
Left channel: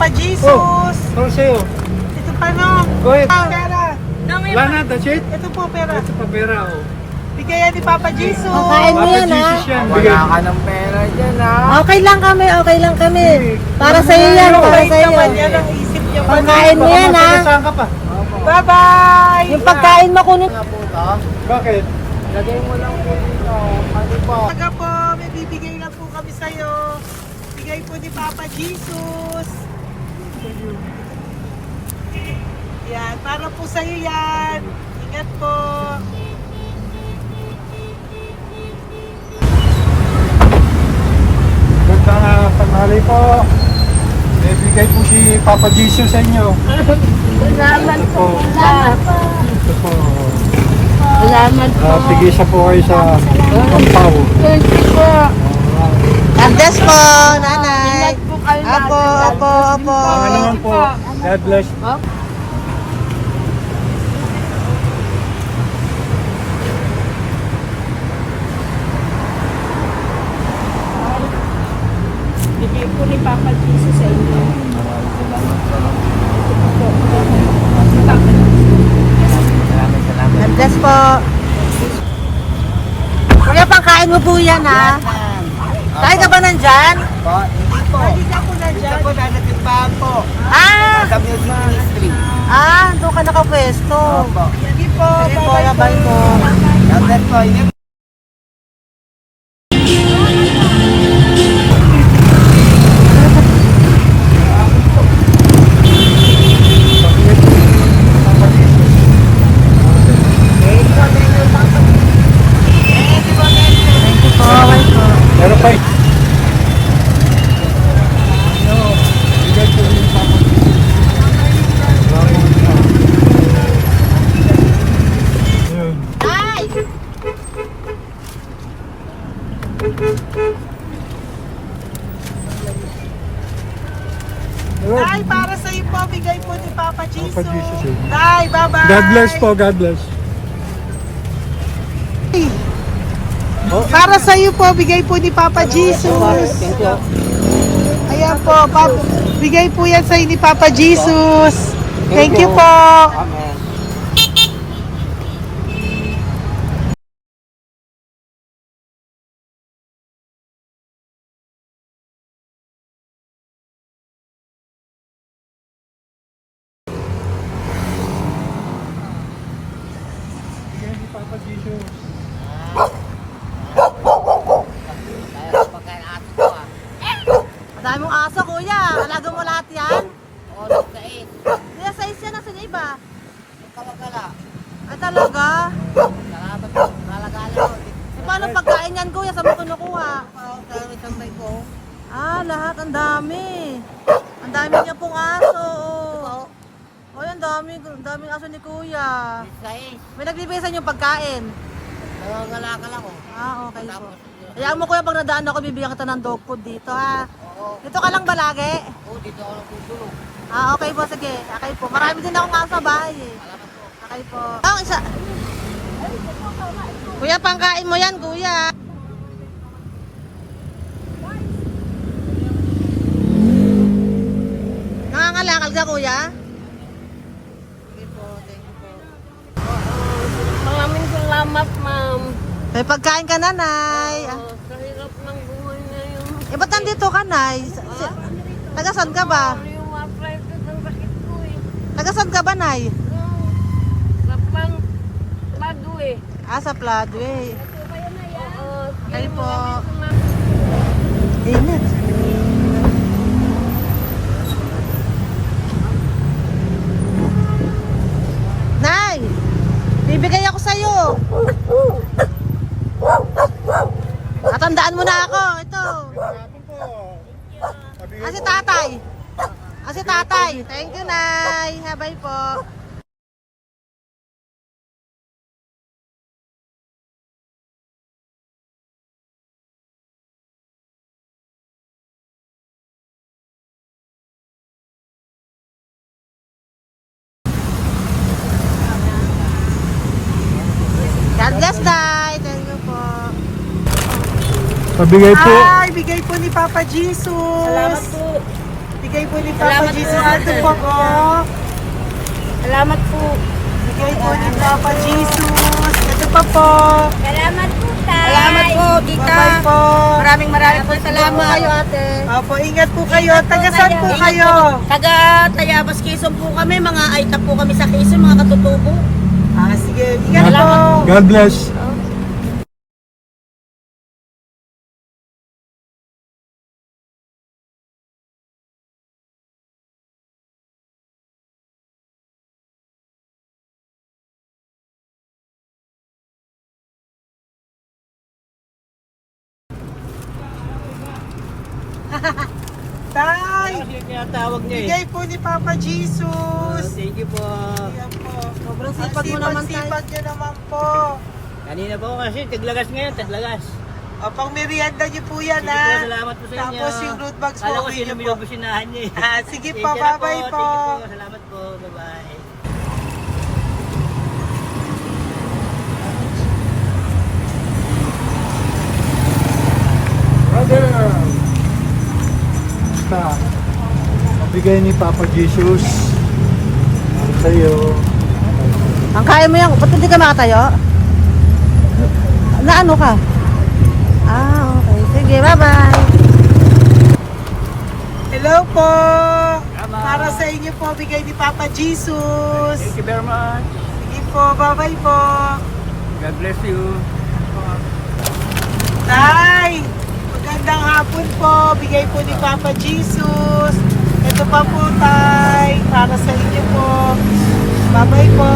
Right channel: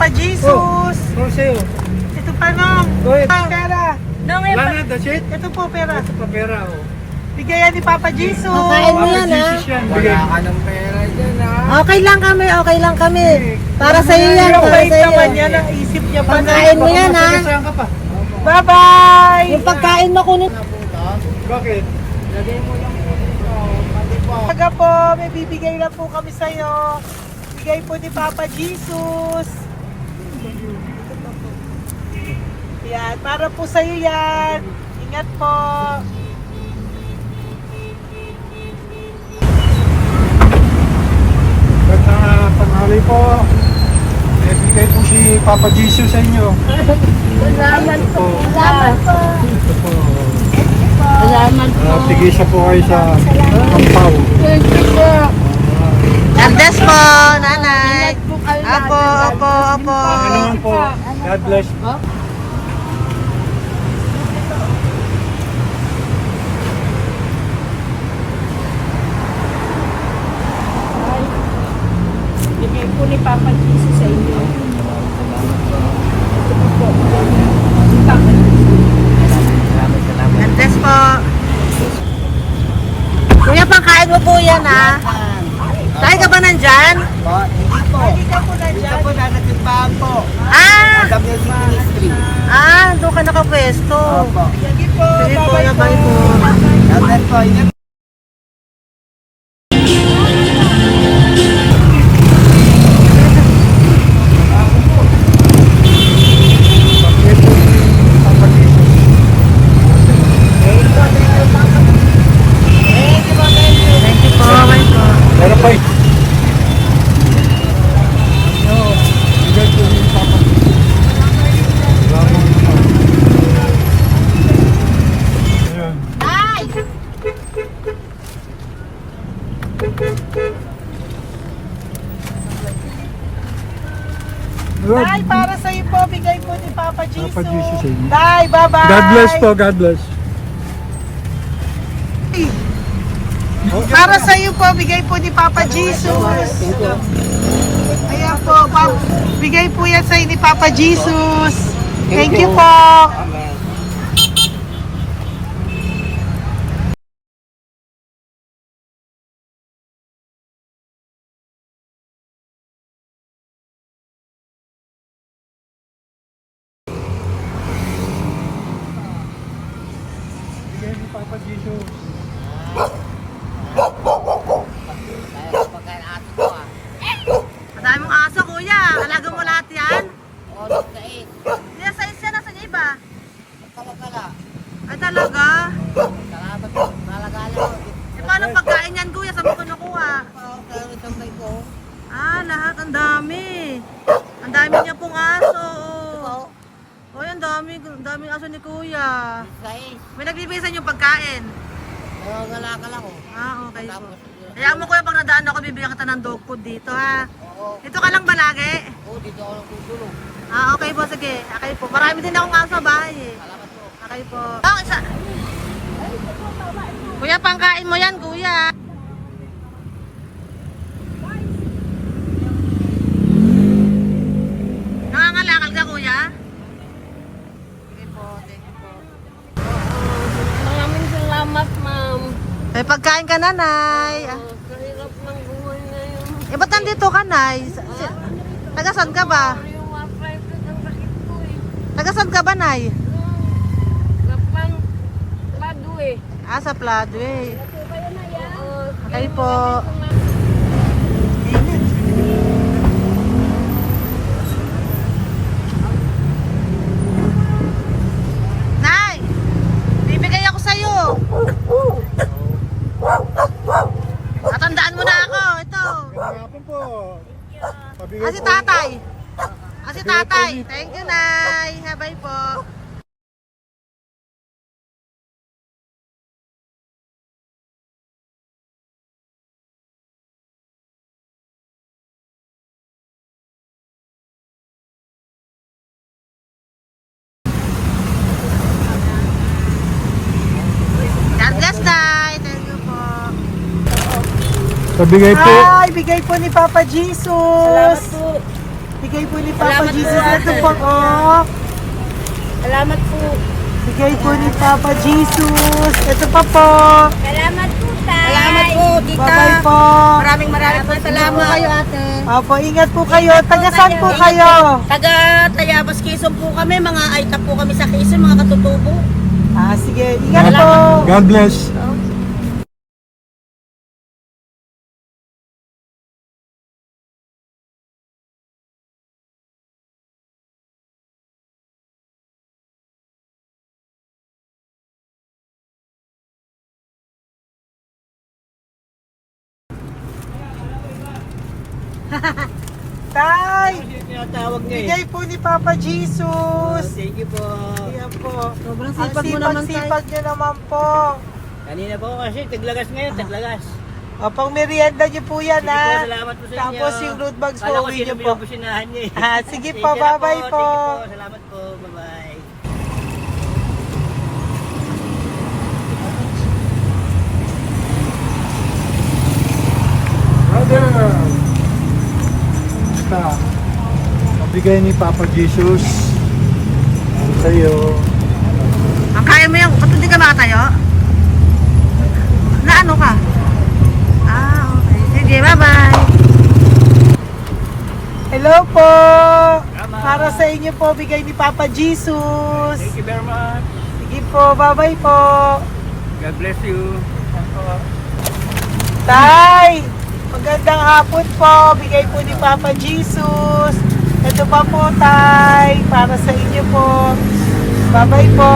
Papa Jesus. Ano sa'yo? Ito pa no. Go ahead. Pera. Wala na, that's it? Ito po pera. Ito pa pera, oh. Bigayan ni Papa Jesus. Kain mo yan, ha? Jesus yan. Bigay. Wala ka ng pera dyan, ha? Okay lang kami, okay lang kami. Para sa iyo yan, para sa iyo yan. Yan ang isip niyo. Pagkain mo yan, ha? Saan ka pa? Bye-bye. Yung pagkain mo kunin. Nga po ito. Bakit? Lagay mo lang po dito. Pati po. Taga po, may bibigay lang po kami sa'yo. Bigay po ni Papa Jesus. Yan, para po sa'yo yan. Ingat po. Magandang tanghali po. May bigay po si Papa Jesus sa inyo. Salamat po. Salamat po. Ito po. Salamat po. Sige siya po kayo sa Ampaw. Thank you po. God bless po, nanay. Apo, apo, apo. Pangalaman po. God bless. Bigay po ni Papa Jesus sa inyo. God bless po. Kuya, pangkain mo po yan, ha? Tayo ka ba nandyan? Po, hindi po. Dito po nanatimbahan po. Ah! Sa music ministry. Doon ka nakapwesto. Opo. Sige po, bye po. God bless po. Ingat. Pagkakit po ni Papa Jesus. Thank you po, bye po. Meron pa eh. Yo, bigay po ni Papa Jesus. Salamat po. Yun. Good. Tay, para sa iyo po, bigay po ni Papa Jesus. Papa Jesus, eh. Tay, bye-bye. God bless po, God bless. Para sa iyo po, bigay po ni Papa Jesus. Ayan po, bigay po yan sa ni Papa Jesus. Thank you po. Amen. Bigay ni Papa Jesus. Kaya ko pagkain aso ko, ah. Madami mong aso, kuya. Alaga mo lahat yan. O, nagkait. Kuya, size yan. Nasaan yung iba? Kalagala. Ay, talaga? Salamat po. Kalagala ko. E, paano pagkain yan, kuya? Saan mo kinukuha? Sa isang bay ko. Lahat. Ang dami. Ang dami niya pong aso. Oo. Oy, ang daming aso ni kuya. Sais. May nagbibigay sa inyo pagkain. Nangangalakal ako. Okay po. Tapos, Kaya mo kuya, pag nadaan ako, bibigyan kita ng dog food dito, ha? oo. Dito ka lang ba lagi? Oo, dito ako nagtutulog. Okay po, sige. Okay po. Marami din akong aso sa bahay, eh. Salamat po. Okay po. Isa. Kuya, pangkain mo yan, kuya. Nangangalakal ka, kuya? Sige po, thank you po. Maraming salamat, ma'am. May pagkain ka, nanay. Sa hirap ng buhay ngayon. Ba't nandito ka, nay? Tagasan ka ba? Yung arthritis ang sakit ko eh. Tagasan ka ba, nay? Sa plado eh. Sa Pladway. Oo. Okay po. Nay! Bibigay ako sa'yo. Matandaan mo na ako. Ito. Hapon po. Si tatay. Si tatay. Thank you, Nay. Habay po. God bless, Nay. Thank you po. Pabigay po. Bigay po ni Papa Jesus. Salamat po. Bigay po ni Papa Salamat po, Jesus. Ito ate. po, oh. Salamat po. Bigay po ni Papa Jesus. Ito pa po. Salamat po, Tay. Salamat po, tita. Bye-bye po. Maraming po salamat. Kayo, ate. Opo, ingat po kayo. Taga saan po Ingat kayo? po. Taga Tayabas, Quezon po kami. Mga aita po kami sa Quezon, mga katutubo. Sige. Ingat po. Salamat God bless. Tay, Tinatawag niya bigay po ni Papa Jesus. Thank you po. Ayan po. Sobrang Ang sipag mo naman, Tay. sipag nyo naman po. Kanina po kasi, taglagas ngayon, taglagas. O, pang merienda nyo po yan, Sige po, ha? salamat po sa inyo. Tapos yung road bags po, Kala ko uwi sino nyo po. binubusinahan niya eh. Sige Sige po, na bye-bye po. Sige po, salamat po, bye-bye. Brother! Basta, mabigay ni Papa Jesus. Ang sa'yo. Ang kaya mo yan. Ba't hindi ka makatayo? Na ano ka? Okay. Sige, bye-bye. Hello po. Tama. Para sa inyo po, bigay ni Papa Jesus. Thank you very much. Sige po, bye-bye po. God bless you. Tay, magandang hapon po. Bigay po ni Papa Jesus. Ito pa po, Tay. Para sa inyo po. Bye-bye po.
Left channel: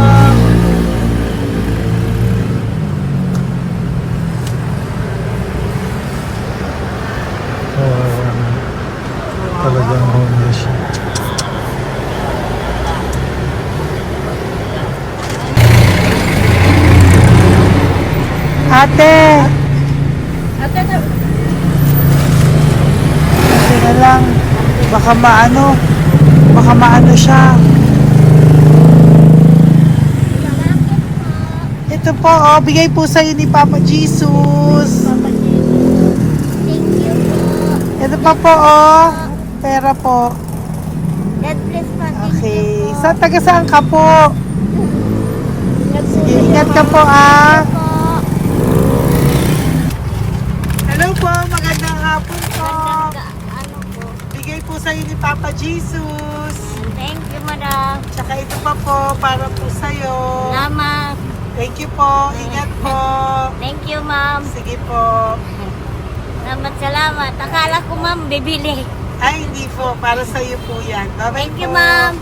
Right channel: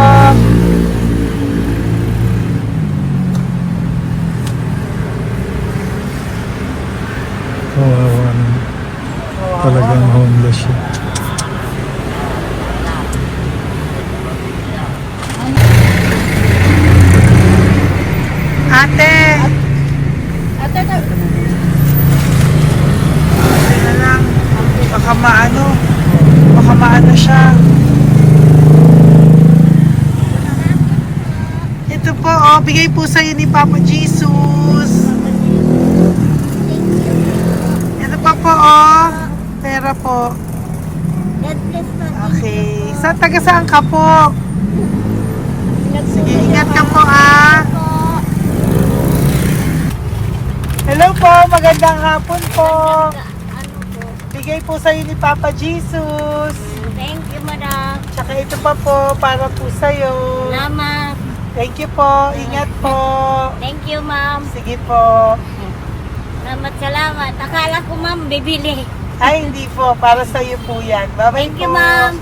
Ate. Ito lang. Baka maano siya. Ito po, oh, bigay po sa'yo ni Papa Jesus. Ito pa po, oh. Pera po. God bless po. Okay. Taga saan ka po? Sige, ingat ka po, ah. Hello po, magandang hapon po. Ano po? Bigay po sa'yo ni Papa Jesus. Thank you, madam. Tsaka ito pa po, para po sa'yo. Salamat. Thank you po, ingat po. Thank you, ma'am. Sige po. Salamat. Akala ko, ma'am, bibili. Ay, hindi po, para sa'yo po yan. Bye-bye Thank you, po. ma'am.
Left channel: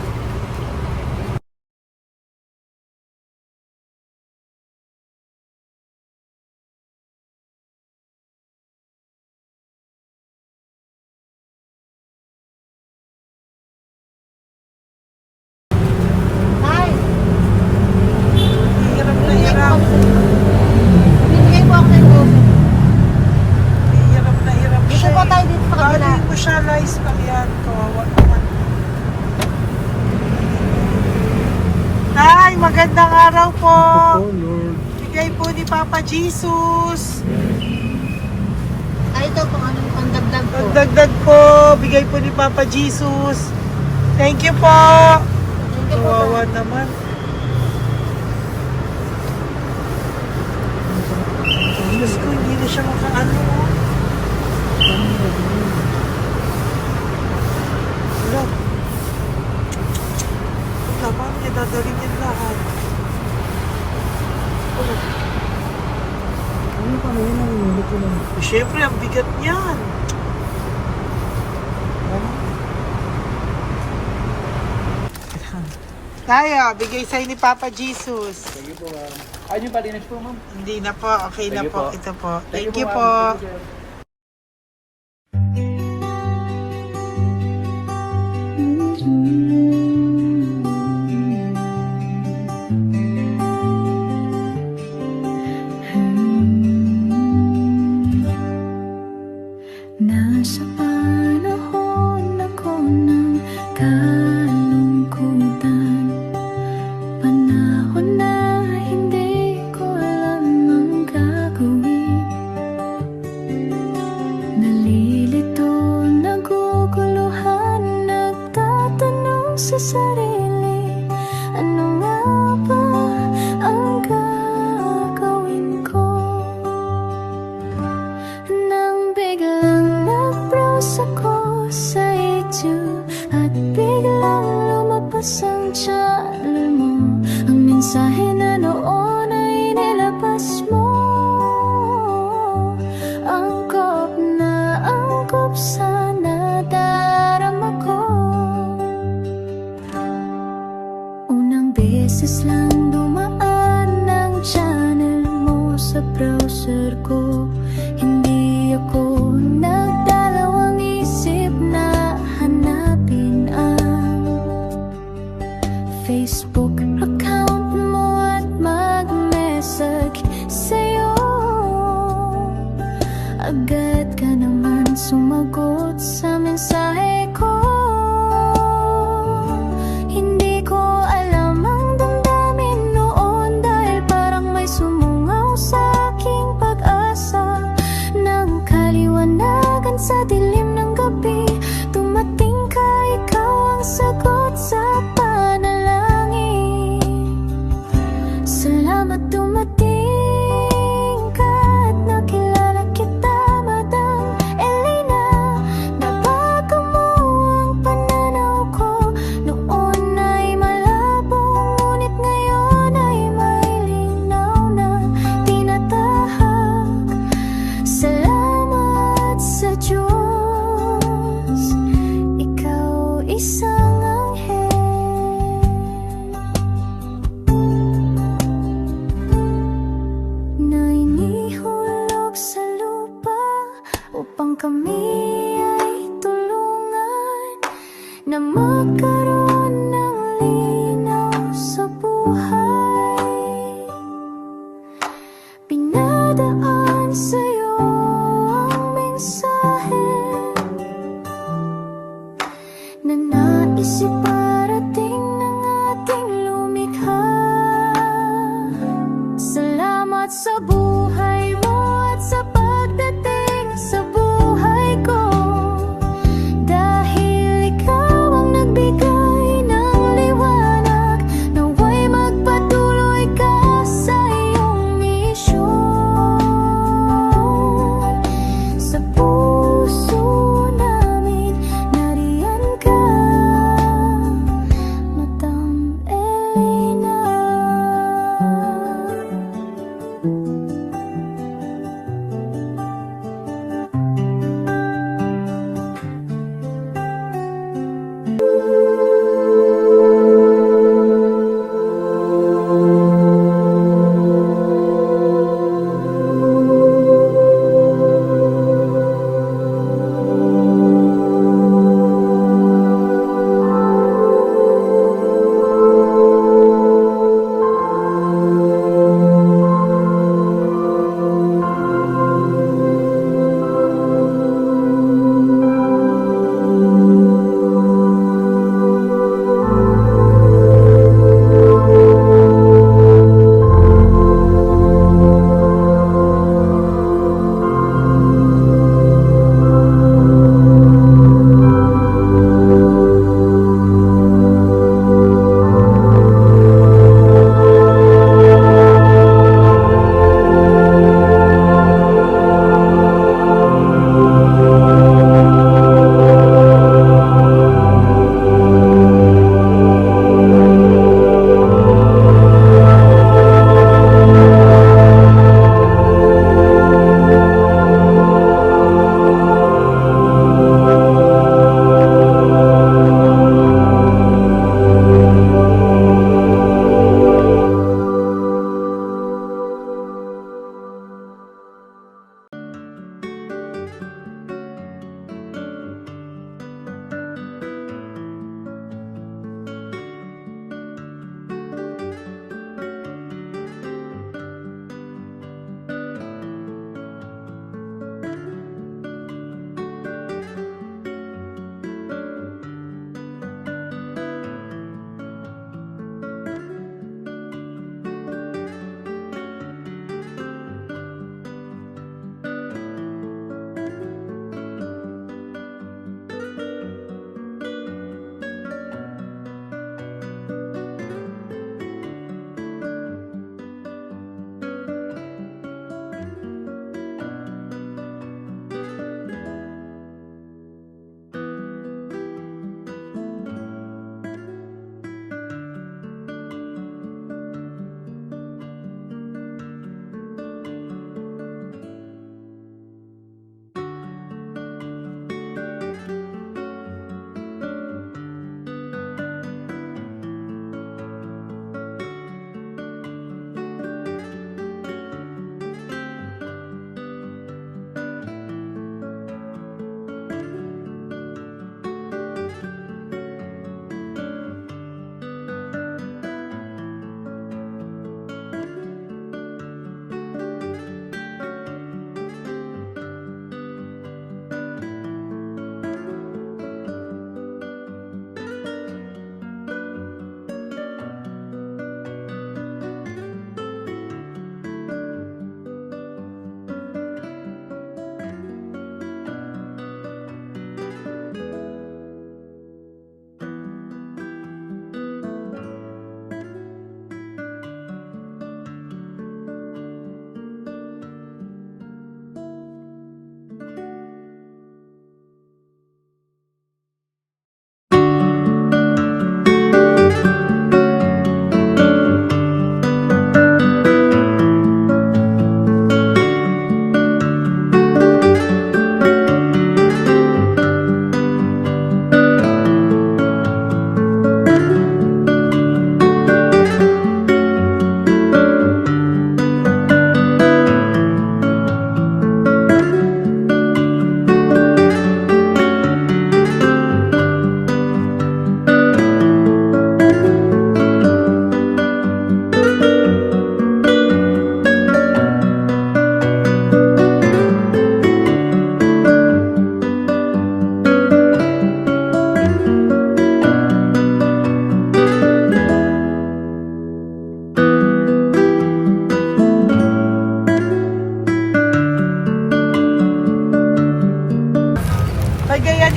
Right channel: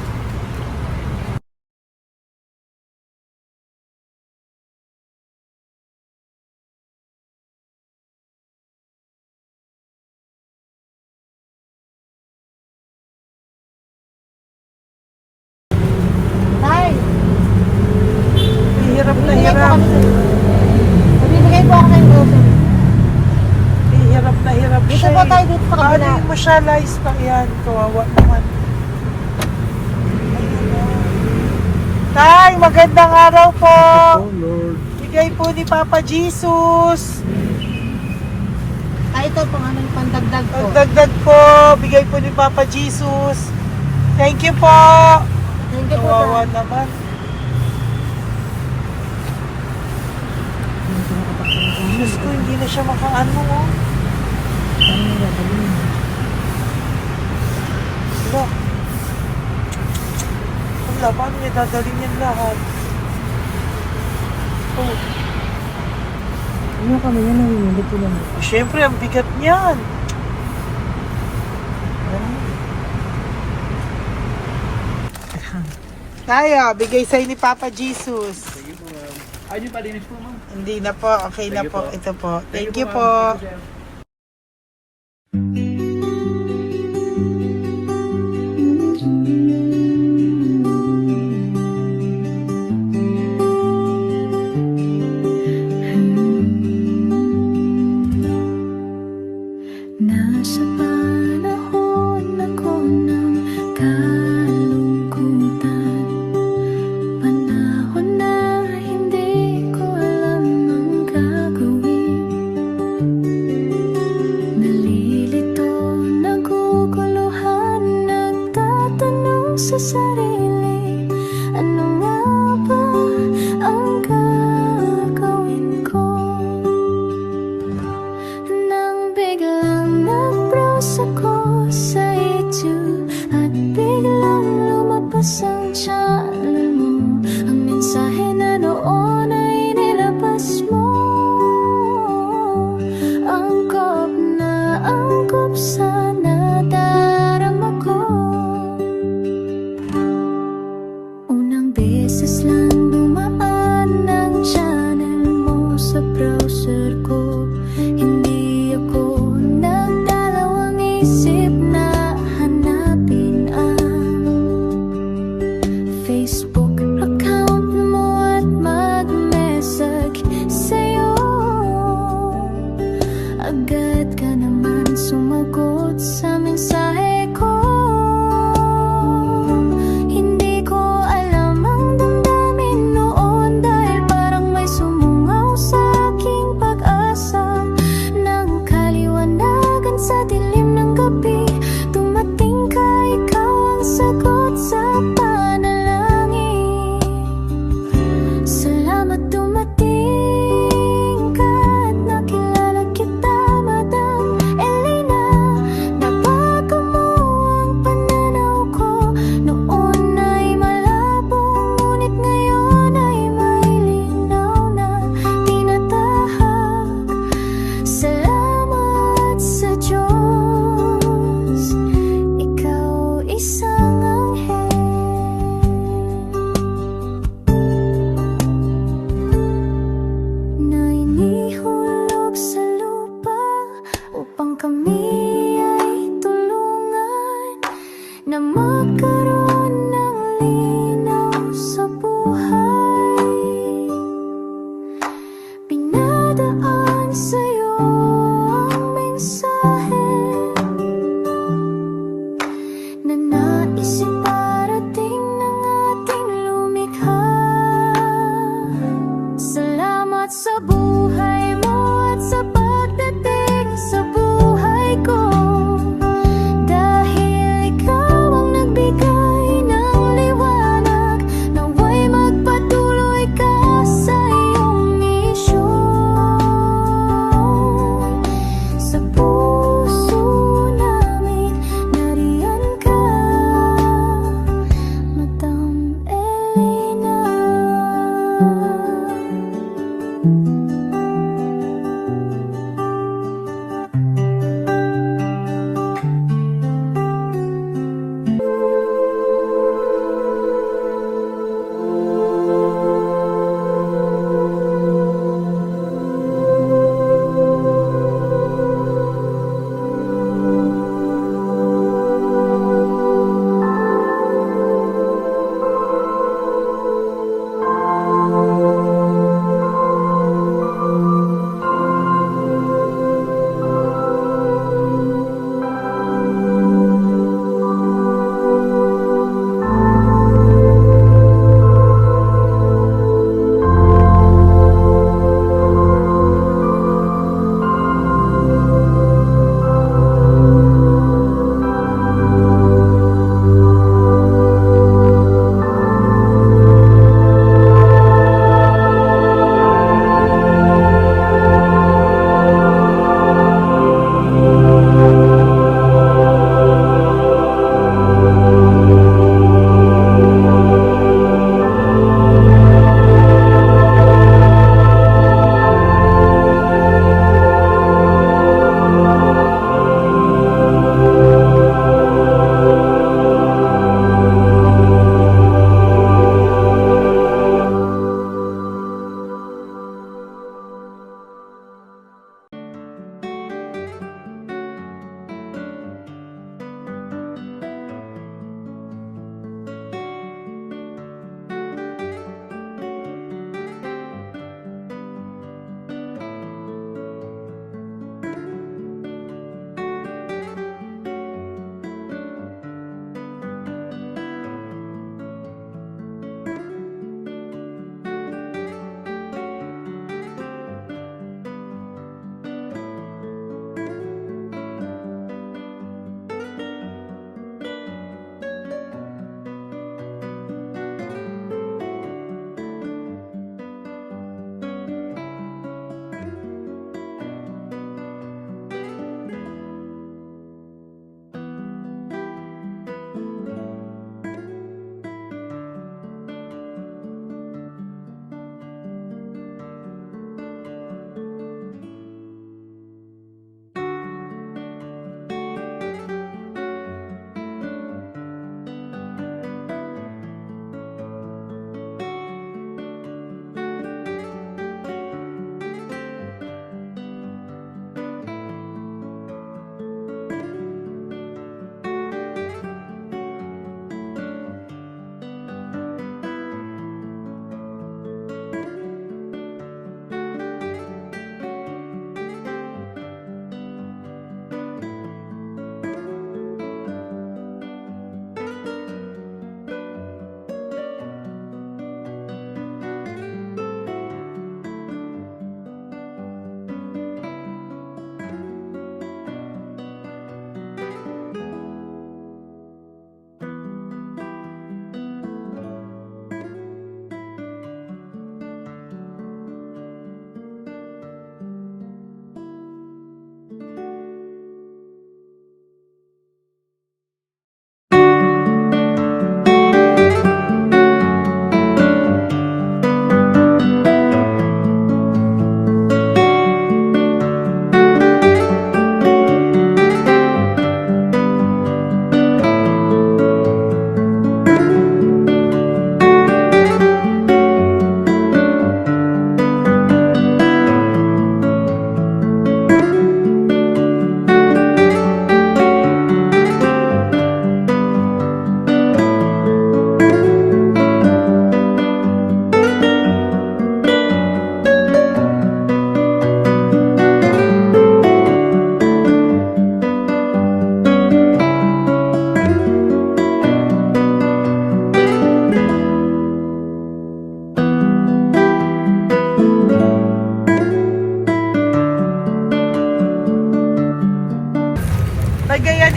Hirap na hirap. Bibigay po ako ng goso. Hirap na hirap Dito siya. po tayo, dito pa kabila. Hindi mo siya lies pa yan. Kawawa naman. Tay, magandang araw po. Oh Lord. Bigay po ni Papa Jesus. Ay, ito po, ano, pandagdag po. Dagdag po. Bigay po ni Papa Jesus. Thank you po. Thank you po. Kawawa naman. Diyos ko, hindi na siya makaano ko. Dapat may tatawagin lahat. Ano kami yun, narinig ko lang. Siyempre, ang bigat niyan. Tayo, bigay sa'yo ni Papa Jesus. Sige po, ma'am. Ayun yung palinis po, ma'am. Hindi na po, okay na Thank you po. po. Ito po. Thank you ma'am. po. Thank you, sir. Nasa panahon ako ng kalungkutan, panahon na hindi ko alam ang gagawin. sarili. Ano nga ba ang gagawin ko? Nang biglang nag-browse ako sa YouTube at biglang lumabas ang channel mo. Ang mensahe na noon ay nilabas mo. Angkop sa nadarama ko. Unang beses lang dumaan ang channel mo sa browser ko. Hindi ako nagdalawang isip na hanapin ang Facebook account mo at mag-message sa'yo. Agad ka naman sumagot sa mensahe ko. Hindi ko alam ang damdamin noon dahil parang may sumungaw sa aking pag-asa. Nang kaliwanagan sa dilim ng gabi, dumating ka, ikaw ang sagot sa panalangin. Salamat dumating ka at nakilala kita, Madam Elena. Nabago mo ang pananaw ko. Noon ay malabo, ngunit ngayon ay may linaw na tinatahak. Salamat sa Diyos, ikaw isang anghel na inihulog sa lupa upang kami ay tulungan na magkaroon ng linaw sa buhay. Pinadaan sa'yo ang mensahe na nais iparating ng ating lumikha. Salamat sa buhay mo at sa pagdating sa buhay ko. Dahil ikaw ang nagbigay ng liwanag, naway magpatuloy ka sa iyong misyon. Sa puso namin nariyan ka.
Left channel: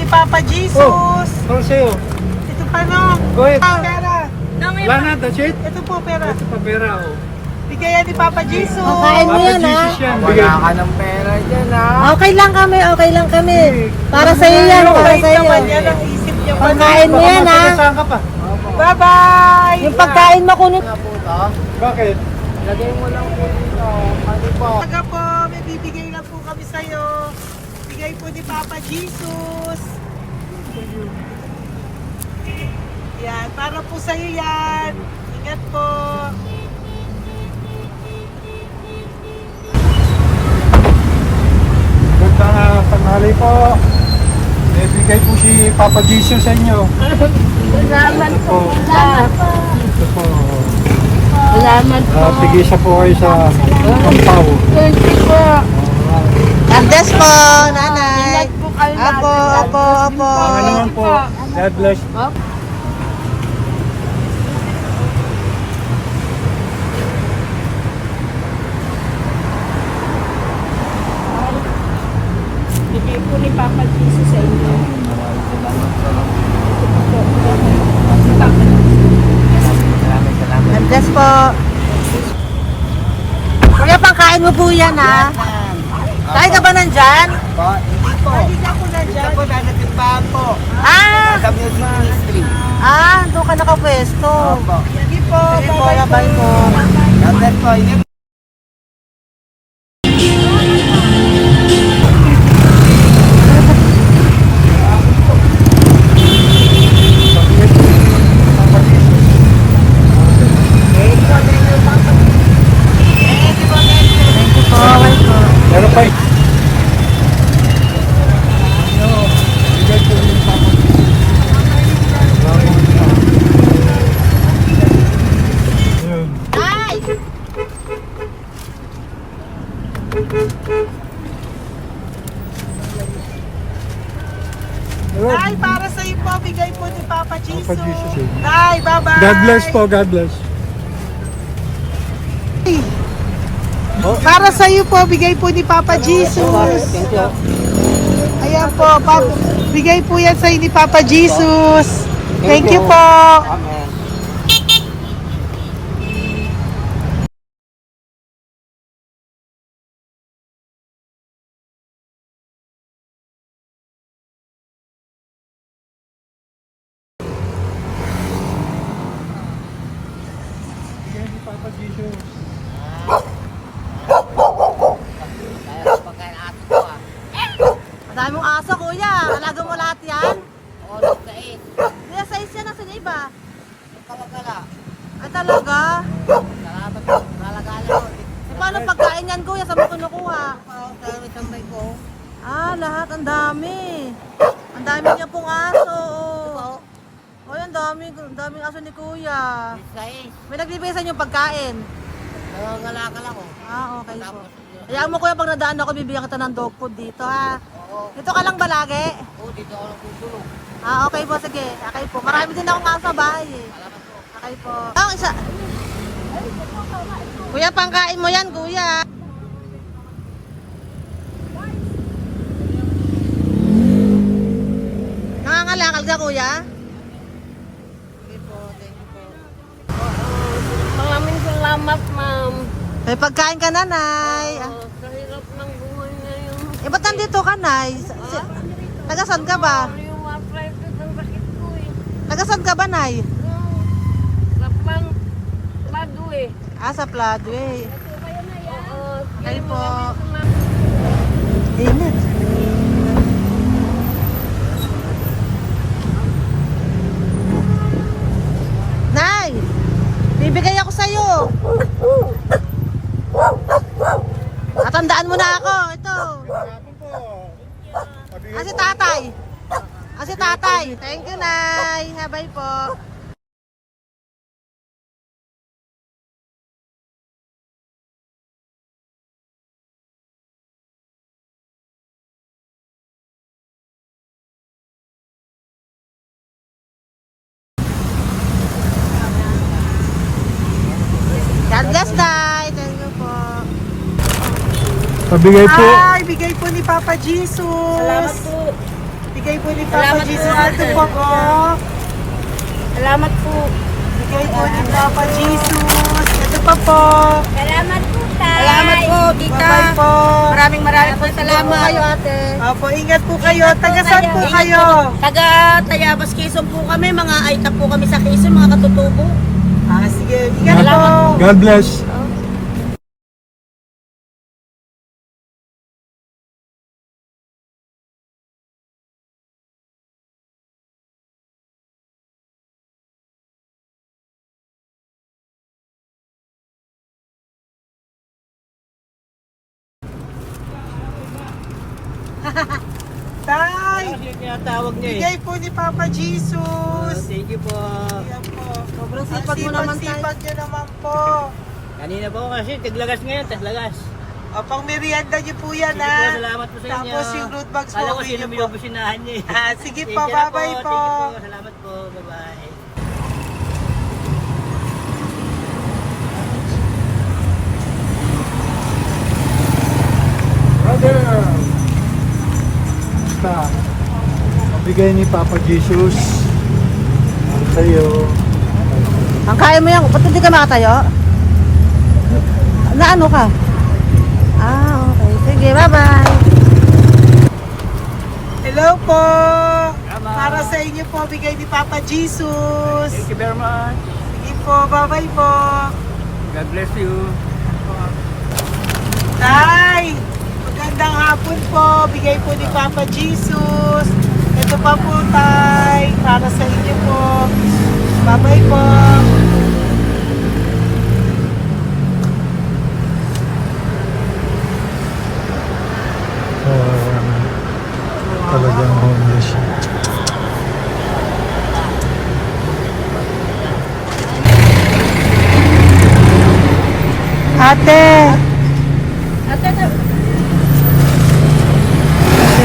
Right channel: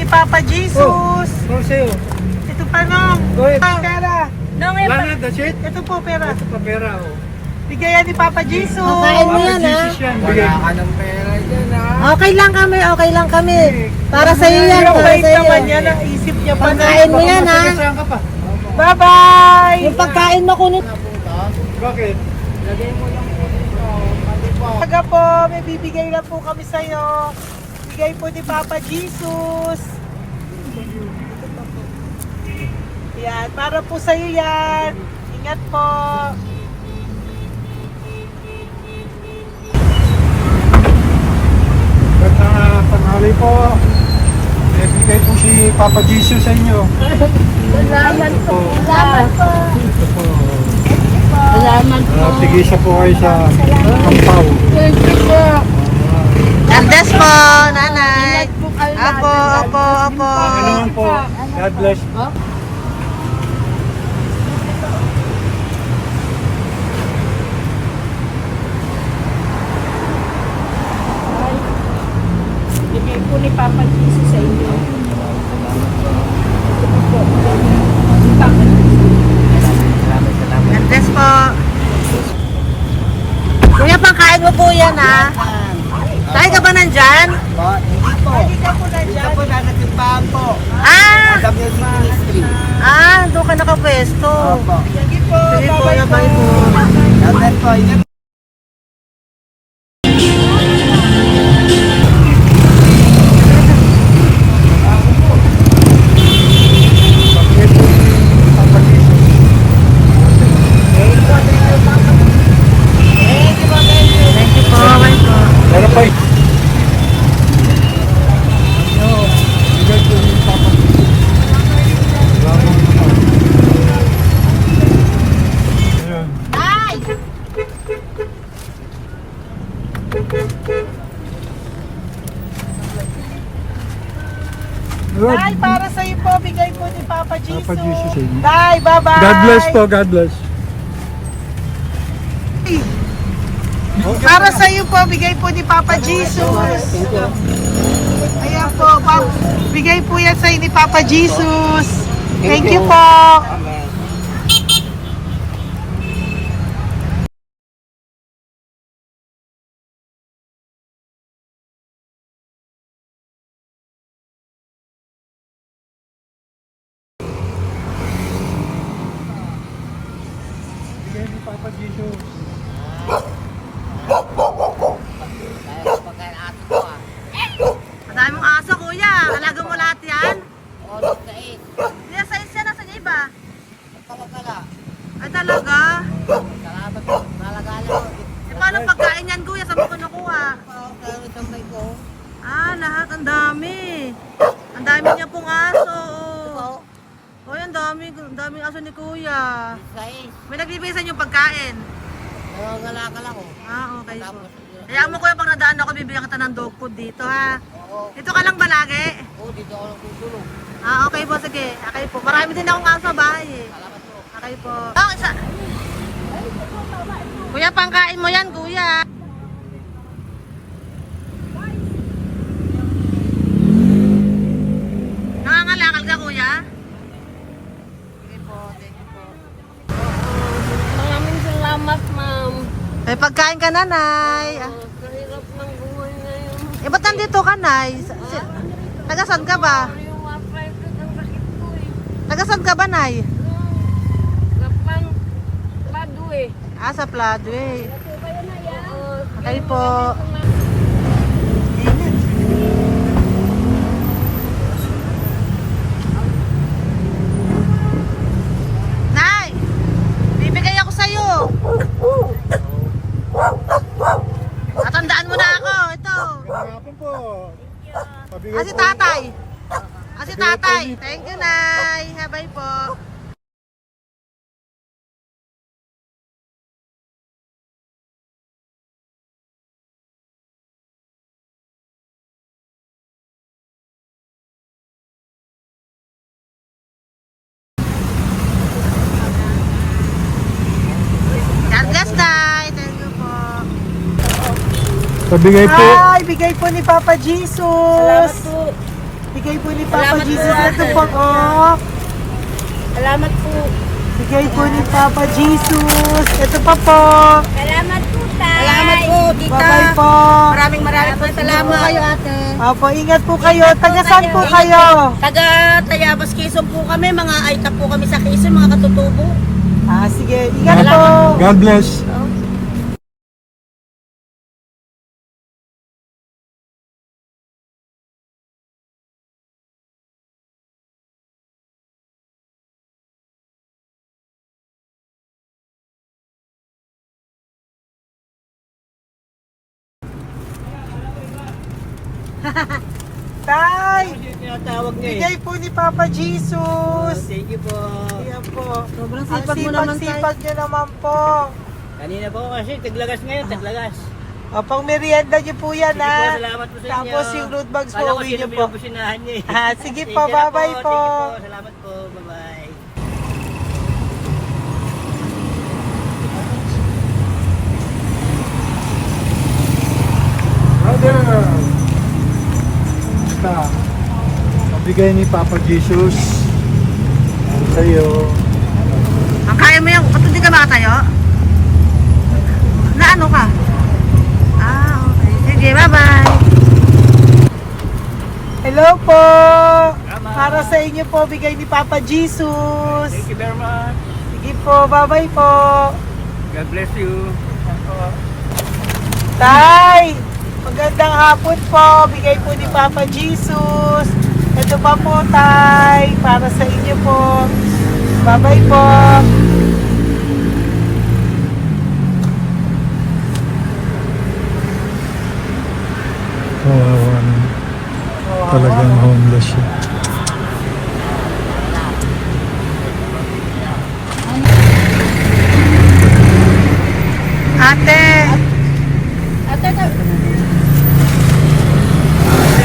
ni Papa Jesus. Ito sa'yo. Ito pa nung. Go ahead. Pera. Wala na, that's it. Ito po pera. Ito pa pera, oh. Bigayan ni Papa Jesus. Kain mo yan, ha? Jesus yan. Bigay. Wala ka ng pera dyan, ha? Okay lang kami, okay lang kami. Para sa iyo yan, para sa iyo. Yan ang isip niyo. Pagkain mo yan, ha? Saan ka pa? Bye-bye. Yung pagkain makunit. Bakit? Lagay mo lang po dito. Pati po. Taga po, may bibigay lang po kami sa'yo. Bigay po ni Papa Jesus. Yan, para po sa'yo yan. Ingat po. Magandang tanghali po. May bigay po si Papa Jesus sa inyo. Salamat po. Salamat po. Ito po. Salamat po. Tigisa po kayo sa Pampaw. Thank you po. God bless po, nanay. Ingat po kayo lahat. Apo, apo, apo. Pangalaman po. God bless. Bigay po ni Papa Jesus sa inyo. Salamat. God bless po. Kuya, pangkain mo po yan, ha? Tayo ka ba nandyan? Po, hindi po. Dito po, nanatimbahan po. Ah! Sa Music Ministry. Doon ka nakapwesto. Opo. Sige po, bye po. God bless po. Ingat. Pabigay po ni Papa Jesus. Thank you po, bye po. Meron pa yun. Bigay po ni Papa Jesus. Yun. Yun. Bye, para sa'yo po. Bigay po ni Papa Jesus. Papa Jesus, eh. Bye, bye-bye. God bless po, God bless. Para sa iyo po, bigay po ni Papa Jesus. Ayan po, bigay po yan sa ni Papa Jesus. Thank you po. Amen. Bigay ni Papa Jesus. Kaya pagkain ato ko, ah. Madami mong aso, kuya. Alaga mo lahat yan. O, nagkait. Hindi, sa isya, nasa niya iba. Kalagala. Ay, talaga. Salamat po. Kalagala ko. Paano pagkain yan, kuya? Saan mo kinukuha? Sa tambay ko. Lahat. Ang dami. Ang dami niya pong aso. Po. Oy, ang daming aso ni kuya. Sais. May nagbibigay sa inyo pagkain. Nangangalakal ako. Okay po. Tapos, Kaya mo kuya, pag nadaan ako, bibigyan kita ng dog food dito, ha? oo. Dito ka lang ba lagi? Oo, dito ako lang tutulog. Okay po, sige. Okay po. Marami din akong aso sa bahay, eh. Salamat po. Okay po. Isa. Kuya, pangkain mo yan, kuya. Nangangalakal ka, kuya? Sige po, thank you po. Maraming salamat, ma'am. May pagkain ka, nanay. Sa hirap ng buhay ngayon. Ba't nandito ka, nay? Tagasan ka ba? Yung arthritis ang sakit ko, eh. Tagasan ka ba, nay? Sa plado, eh. Sa Pladway. Oo. Okay po. Nay! Bibigay ako sa'yo. Matandaan mo na ako. Ito. Ako po. Pabigay Si po. tatay. Si tatay. Thank you, Nay. Bye po. God bless, Nay. Thank you po. Pabigay po. Bigay po ni Papa Jesus. Salamat po. bigay po ni Papa Salamat po, Jesus. Ito ate. po, oh. Salamat po. Bigay po ni Papa Jesus. Ito pa po. Salamat po, tay. Salamat po, tita. Bye-bye po. Maraming po salamat. Kayo, ate. Opo, ingat po kayo. Taga saan po Ingat kayo? Taga Tayabas, Quezon po kami. Mga Aita po kami sa Quezon, mga katutubo. Sige, ingat po. God bless. Tay, Tinatawag niya eh. bigay po ni Papa Jesus. Thank you po. Ayan po. Sobrang Ang sipag mo naman, tay. sipag nyo naman po. Kanina po kasi, taglagas ngayon, taglagas. O, pang merienda nyo po yan, Sige po, ha? salamat po sa inyo. Tapos yung road bags po, Kala ko uwi sino nyo mo po. yung businahan niya eh. Sige Thank po, you na bye-bye po. Thank you po, salamat po, bye-bye. Brother! Basta, mabigay ni Papa Jesus. Ang sa'yo. Ang kaya mo yan, ba't hindi ka makatayo? Na ano ka? Okay. Sige, bye-bye. Hello po. Para sa inyo po, bigay ni Papa Jesus. Thank you very much. Sige po, bye-bye po. God bless you. Tay, magandang hapon po. Bigay po ni Papa Jesus. Ito pa po, Tay. Para sa inyo po. Bye-bye po. Ate. Ate,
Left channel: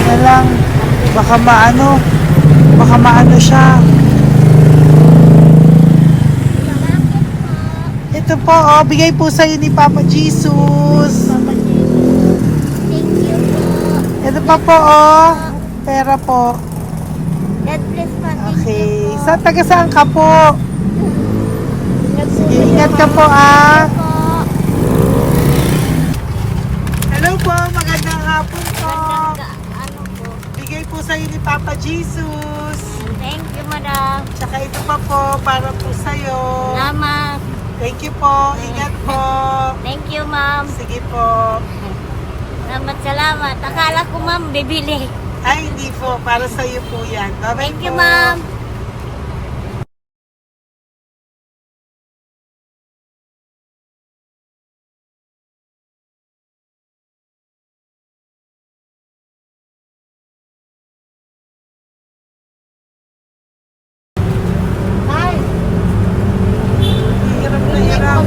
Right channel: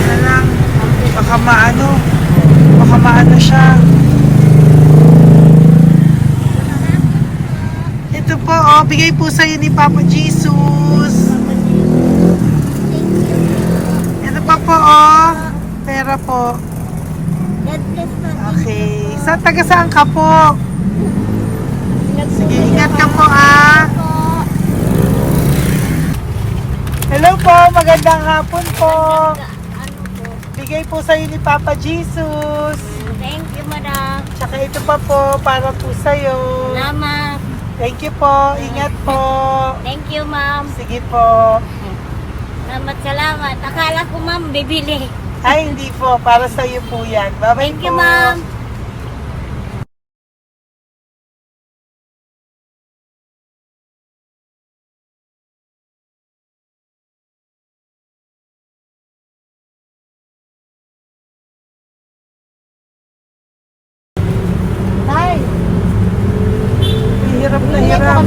Ano lang, baka maano siya. Ito po, bigay po sa'yo ni Papa Jesus. Ito pa po, pera po. God bless po. Okay, taga saan ka po? Sige, ingat ka po, Hello po, magandang hapon po. Ano po? Bigay po sa'yo ni Papa Jesus. Thank you, madam. Tsaka ito pa po, para po sa'yo. Salamat. Thank you po, ingat po. Thank you, ma'am. Sige po. Salamat. Akala ko, ma'am, bibili. Ay, hindi po, para sa'yo po yan. Bye-bye Thank you, po. ma'am. Hirap na hirap.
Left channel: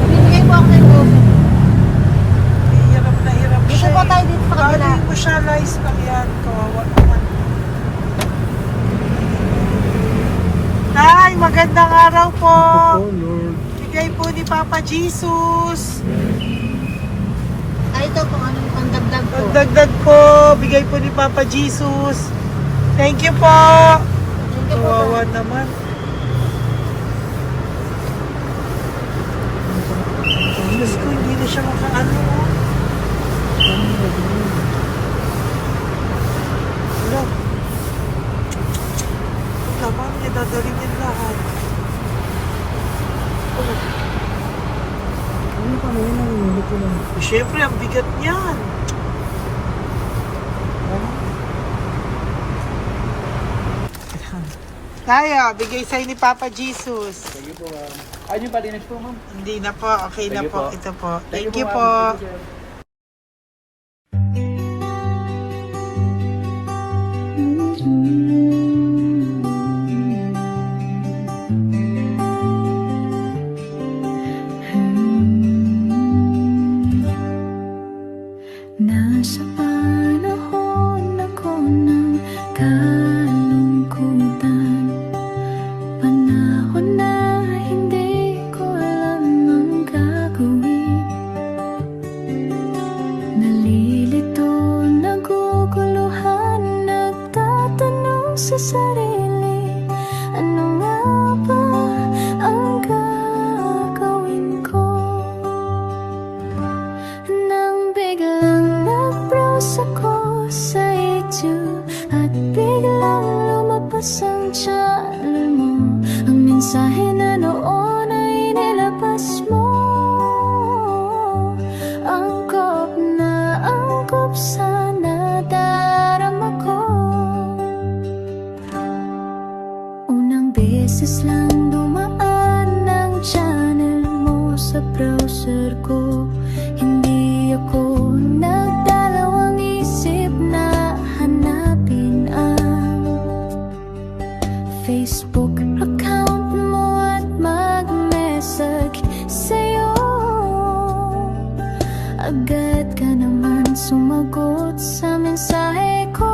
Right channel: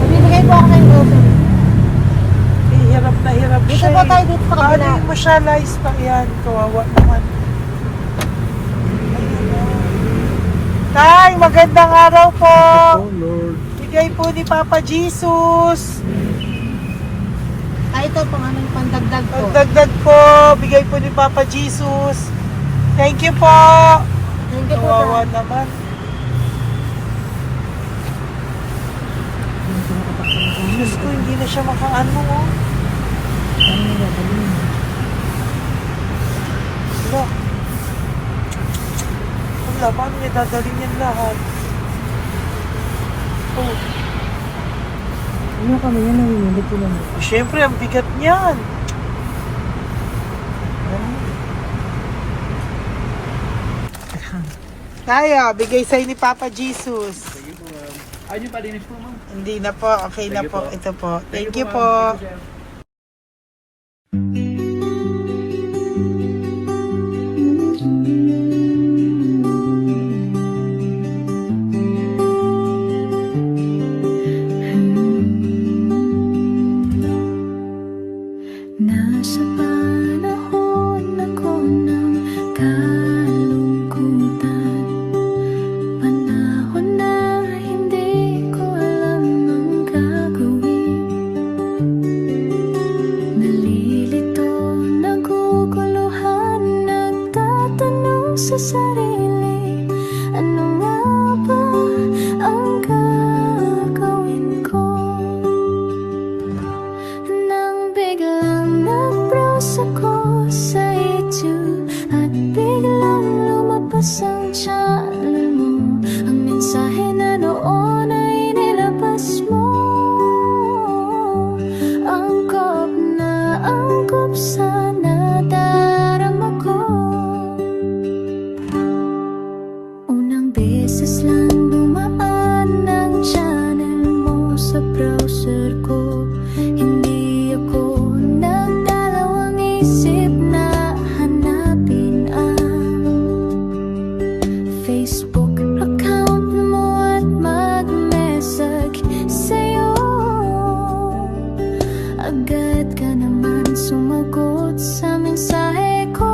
bibigay po ako ng goso. Hirap na hirap Dito siya. po tayo, dito sa kabila. Bawalin mo siya, Lice, pag yan. Kawawa naman. Tay, magandang araw po. Oh Lord. Bigay po ni Papa Jesus. Ito po, ano yung dagdag po. Dagdag po, bigay po ni Papa Jesus. Thank you po. Thank you po. Kawawa naman. Diyos ko, hindi na siya makaano ko. Lamang, may tataligid lahat. Ano kami yun, narinig ko lang. Siyempre, ang bigat niyan. Kaya, bigay sa'yo ni Papa Jesus. Thank you po, ma'am. Ayun yung palinis po, ma'am. Hindi na po, okay na Thank you po. po. Ito po. Thank you ma'am. po. Thank you, sir. Nasa panahon ako ng kalungkutan, panahon na hindi ko alam ang gagawin. Nalilito, naguguluhan, sa sarili, ano nga ba ang gagawin ko? Nang biglang nag-browse ako sa YouTube at biglang lumabas ang channel mo, ang mensahe na noon ay nilabas mo. Angkop sa nadarama ko. Unang beses lang dumaan ang channel mo sa browser ko. Hindi ako nagdalawang isip na hanapin ang Facebook account mo at mag-message sa'yo. Agad ka naman sumagot sa mensahe ko.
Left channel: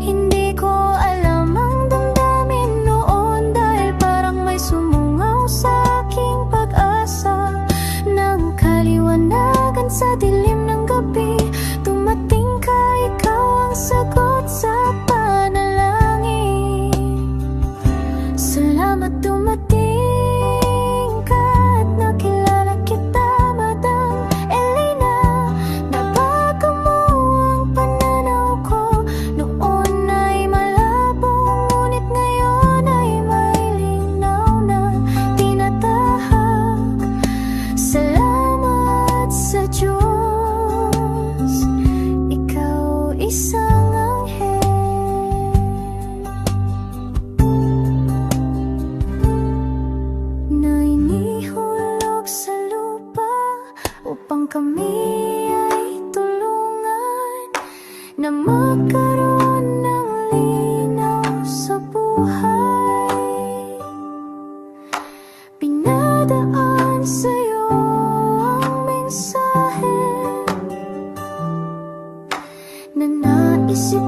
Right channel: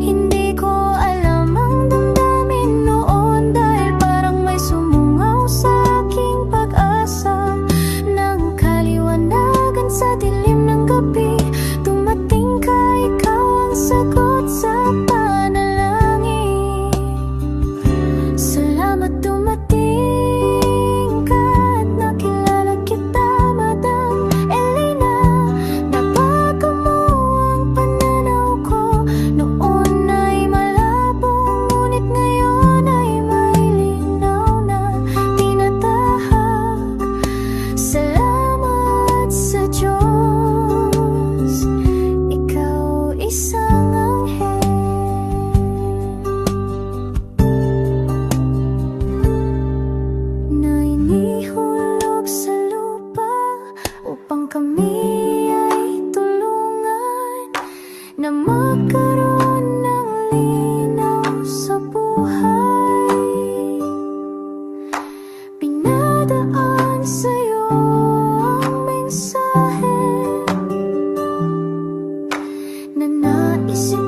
Hindi ko alam ang damdamin noon, dahil parang may sumungaw sa aking pag-asa. Nang kaliwanagan sa dilim ng gabi, dumating ka, ikaw ang sagot sa panalangin. Salamat dumating ka at nakilala kita, Madam Elena. Nabago mo ang pananaw ko. Noon ay malabo, ngunit ngayon ay may linaw na tinatahak. Salamat sa Diyos, ikaw isang anghel na inihulog sa lupa upang kami ay tulungan na magkaroon ng linaw sa buhay. Pinadaan sa'yo ang mensahe na naisip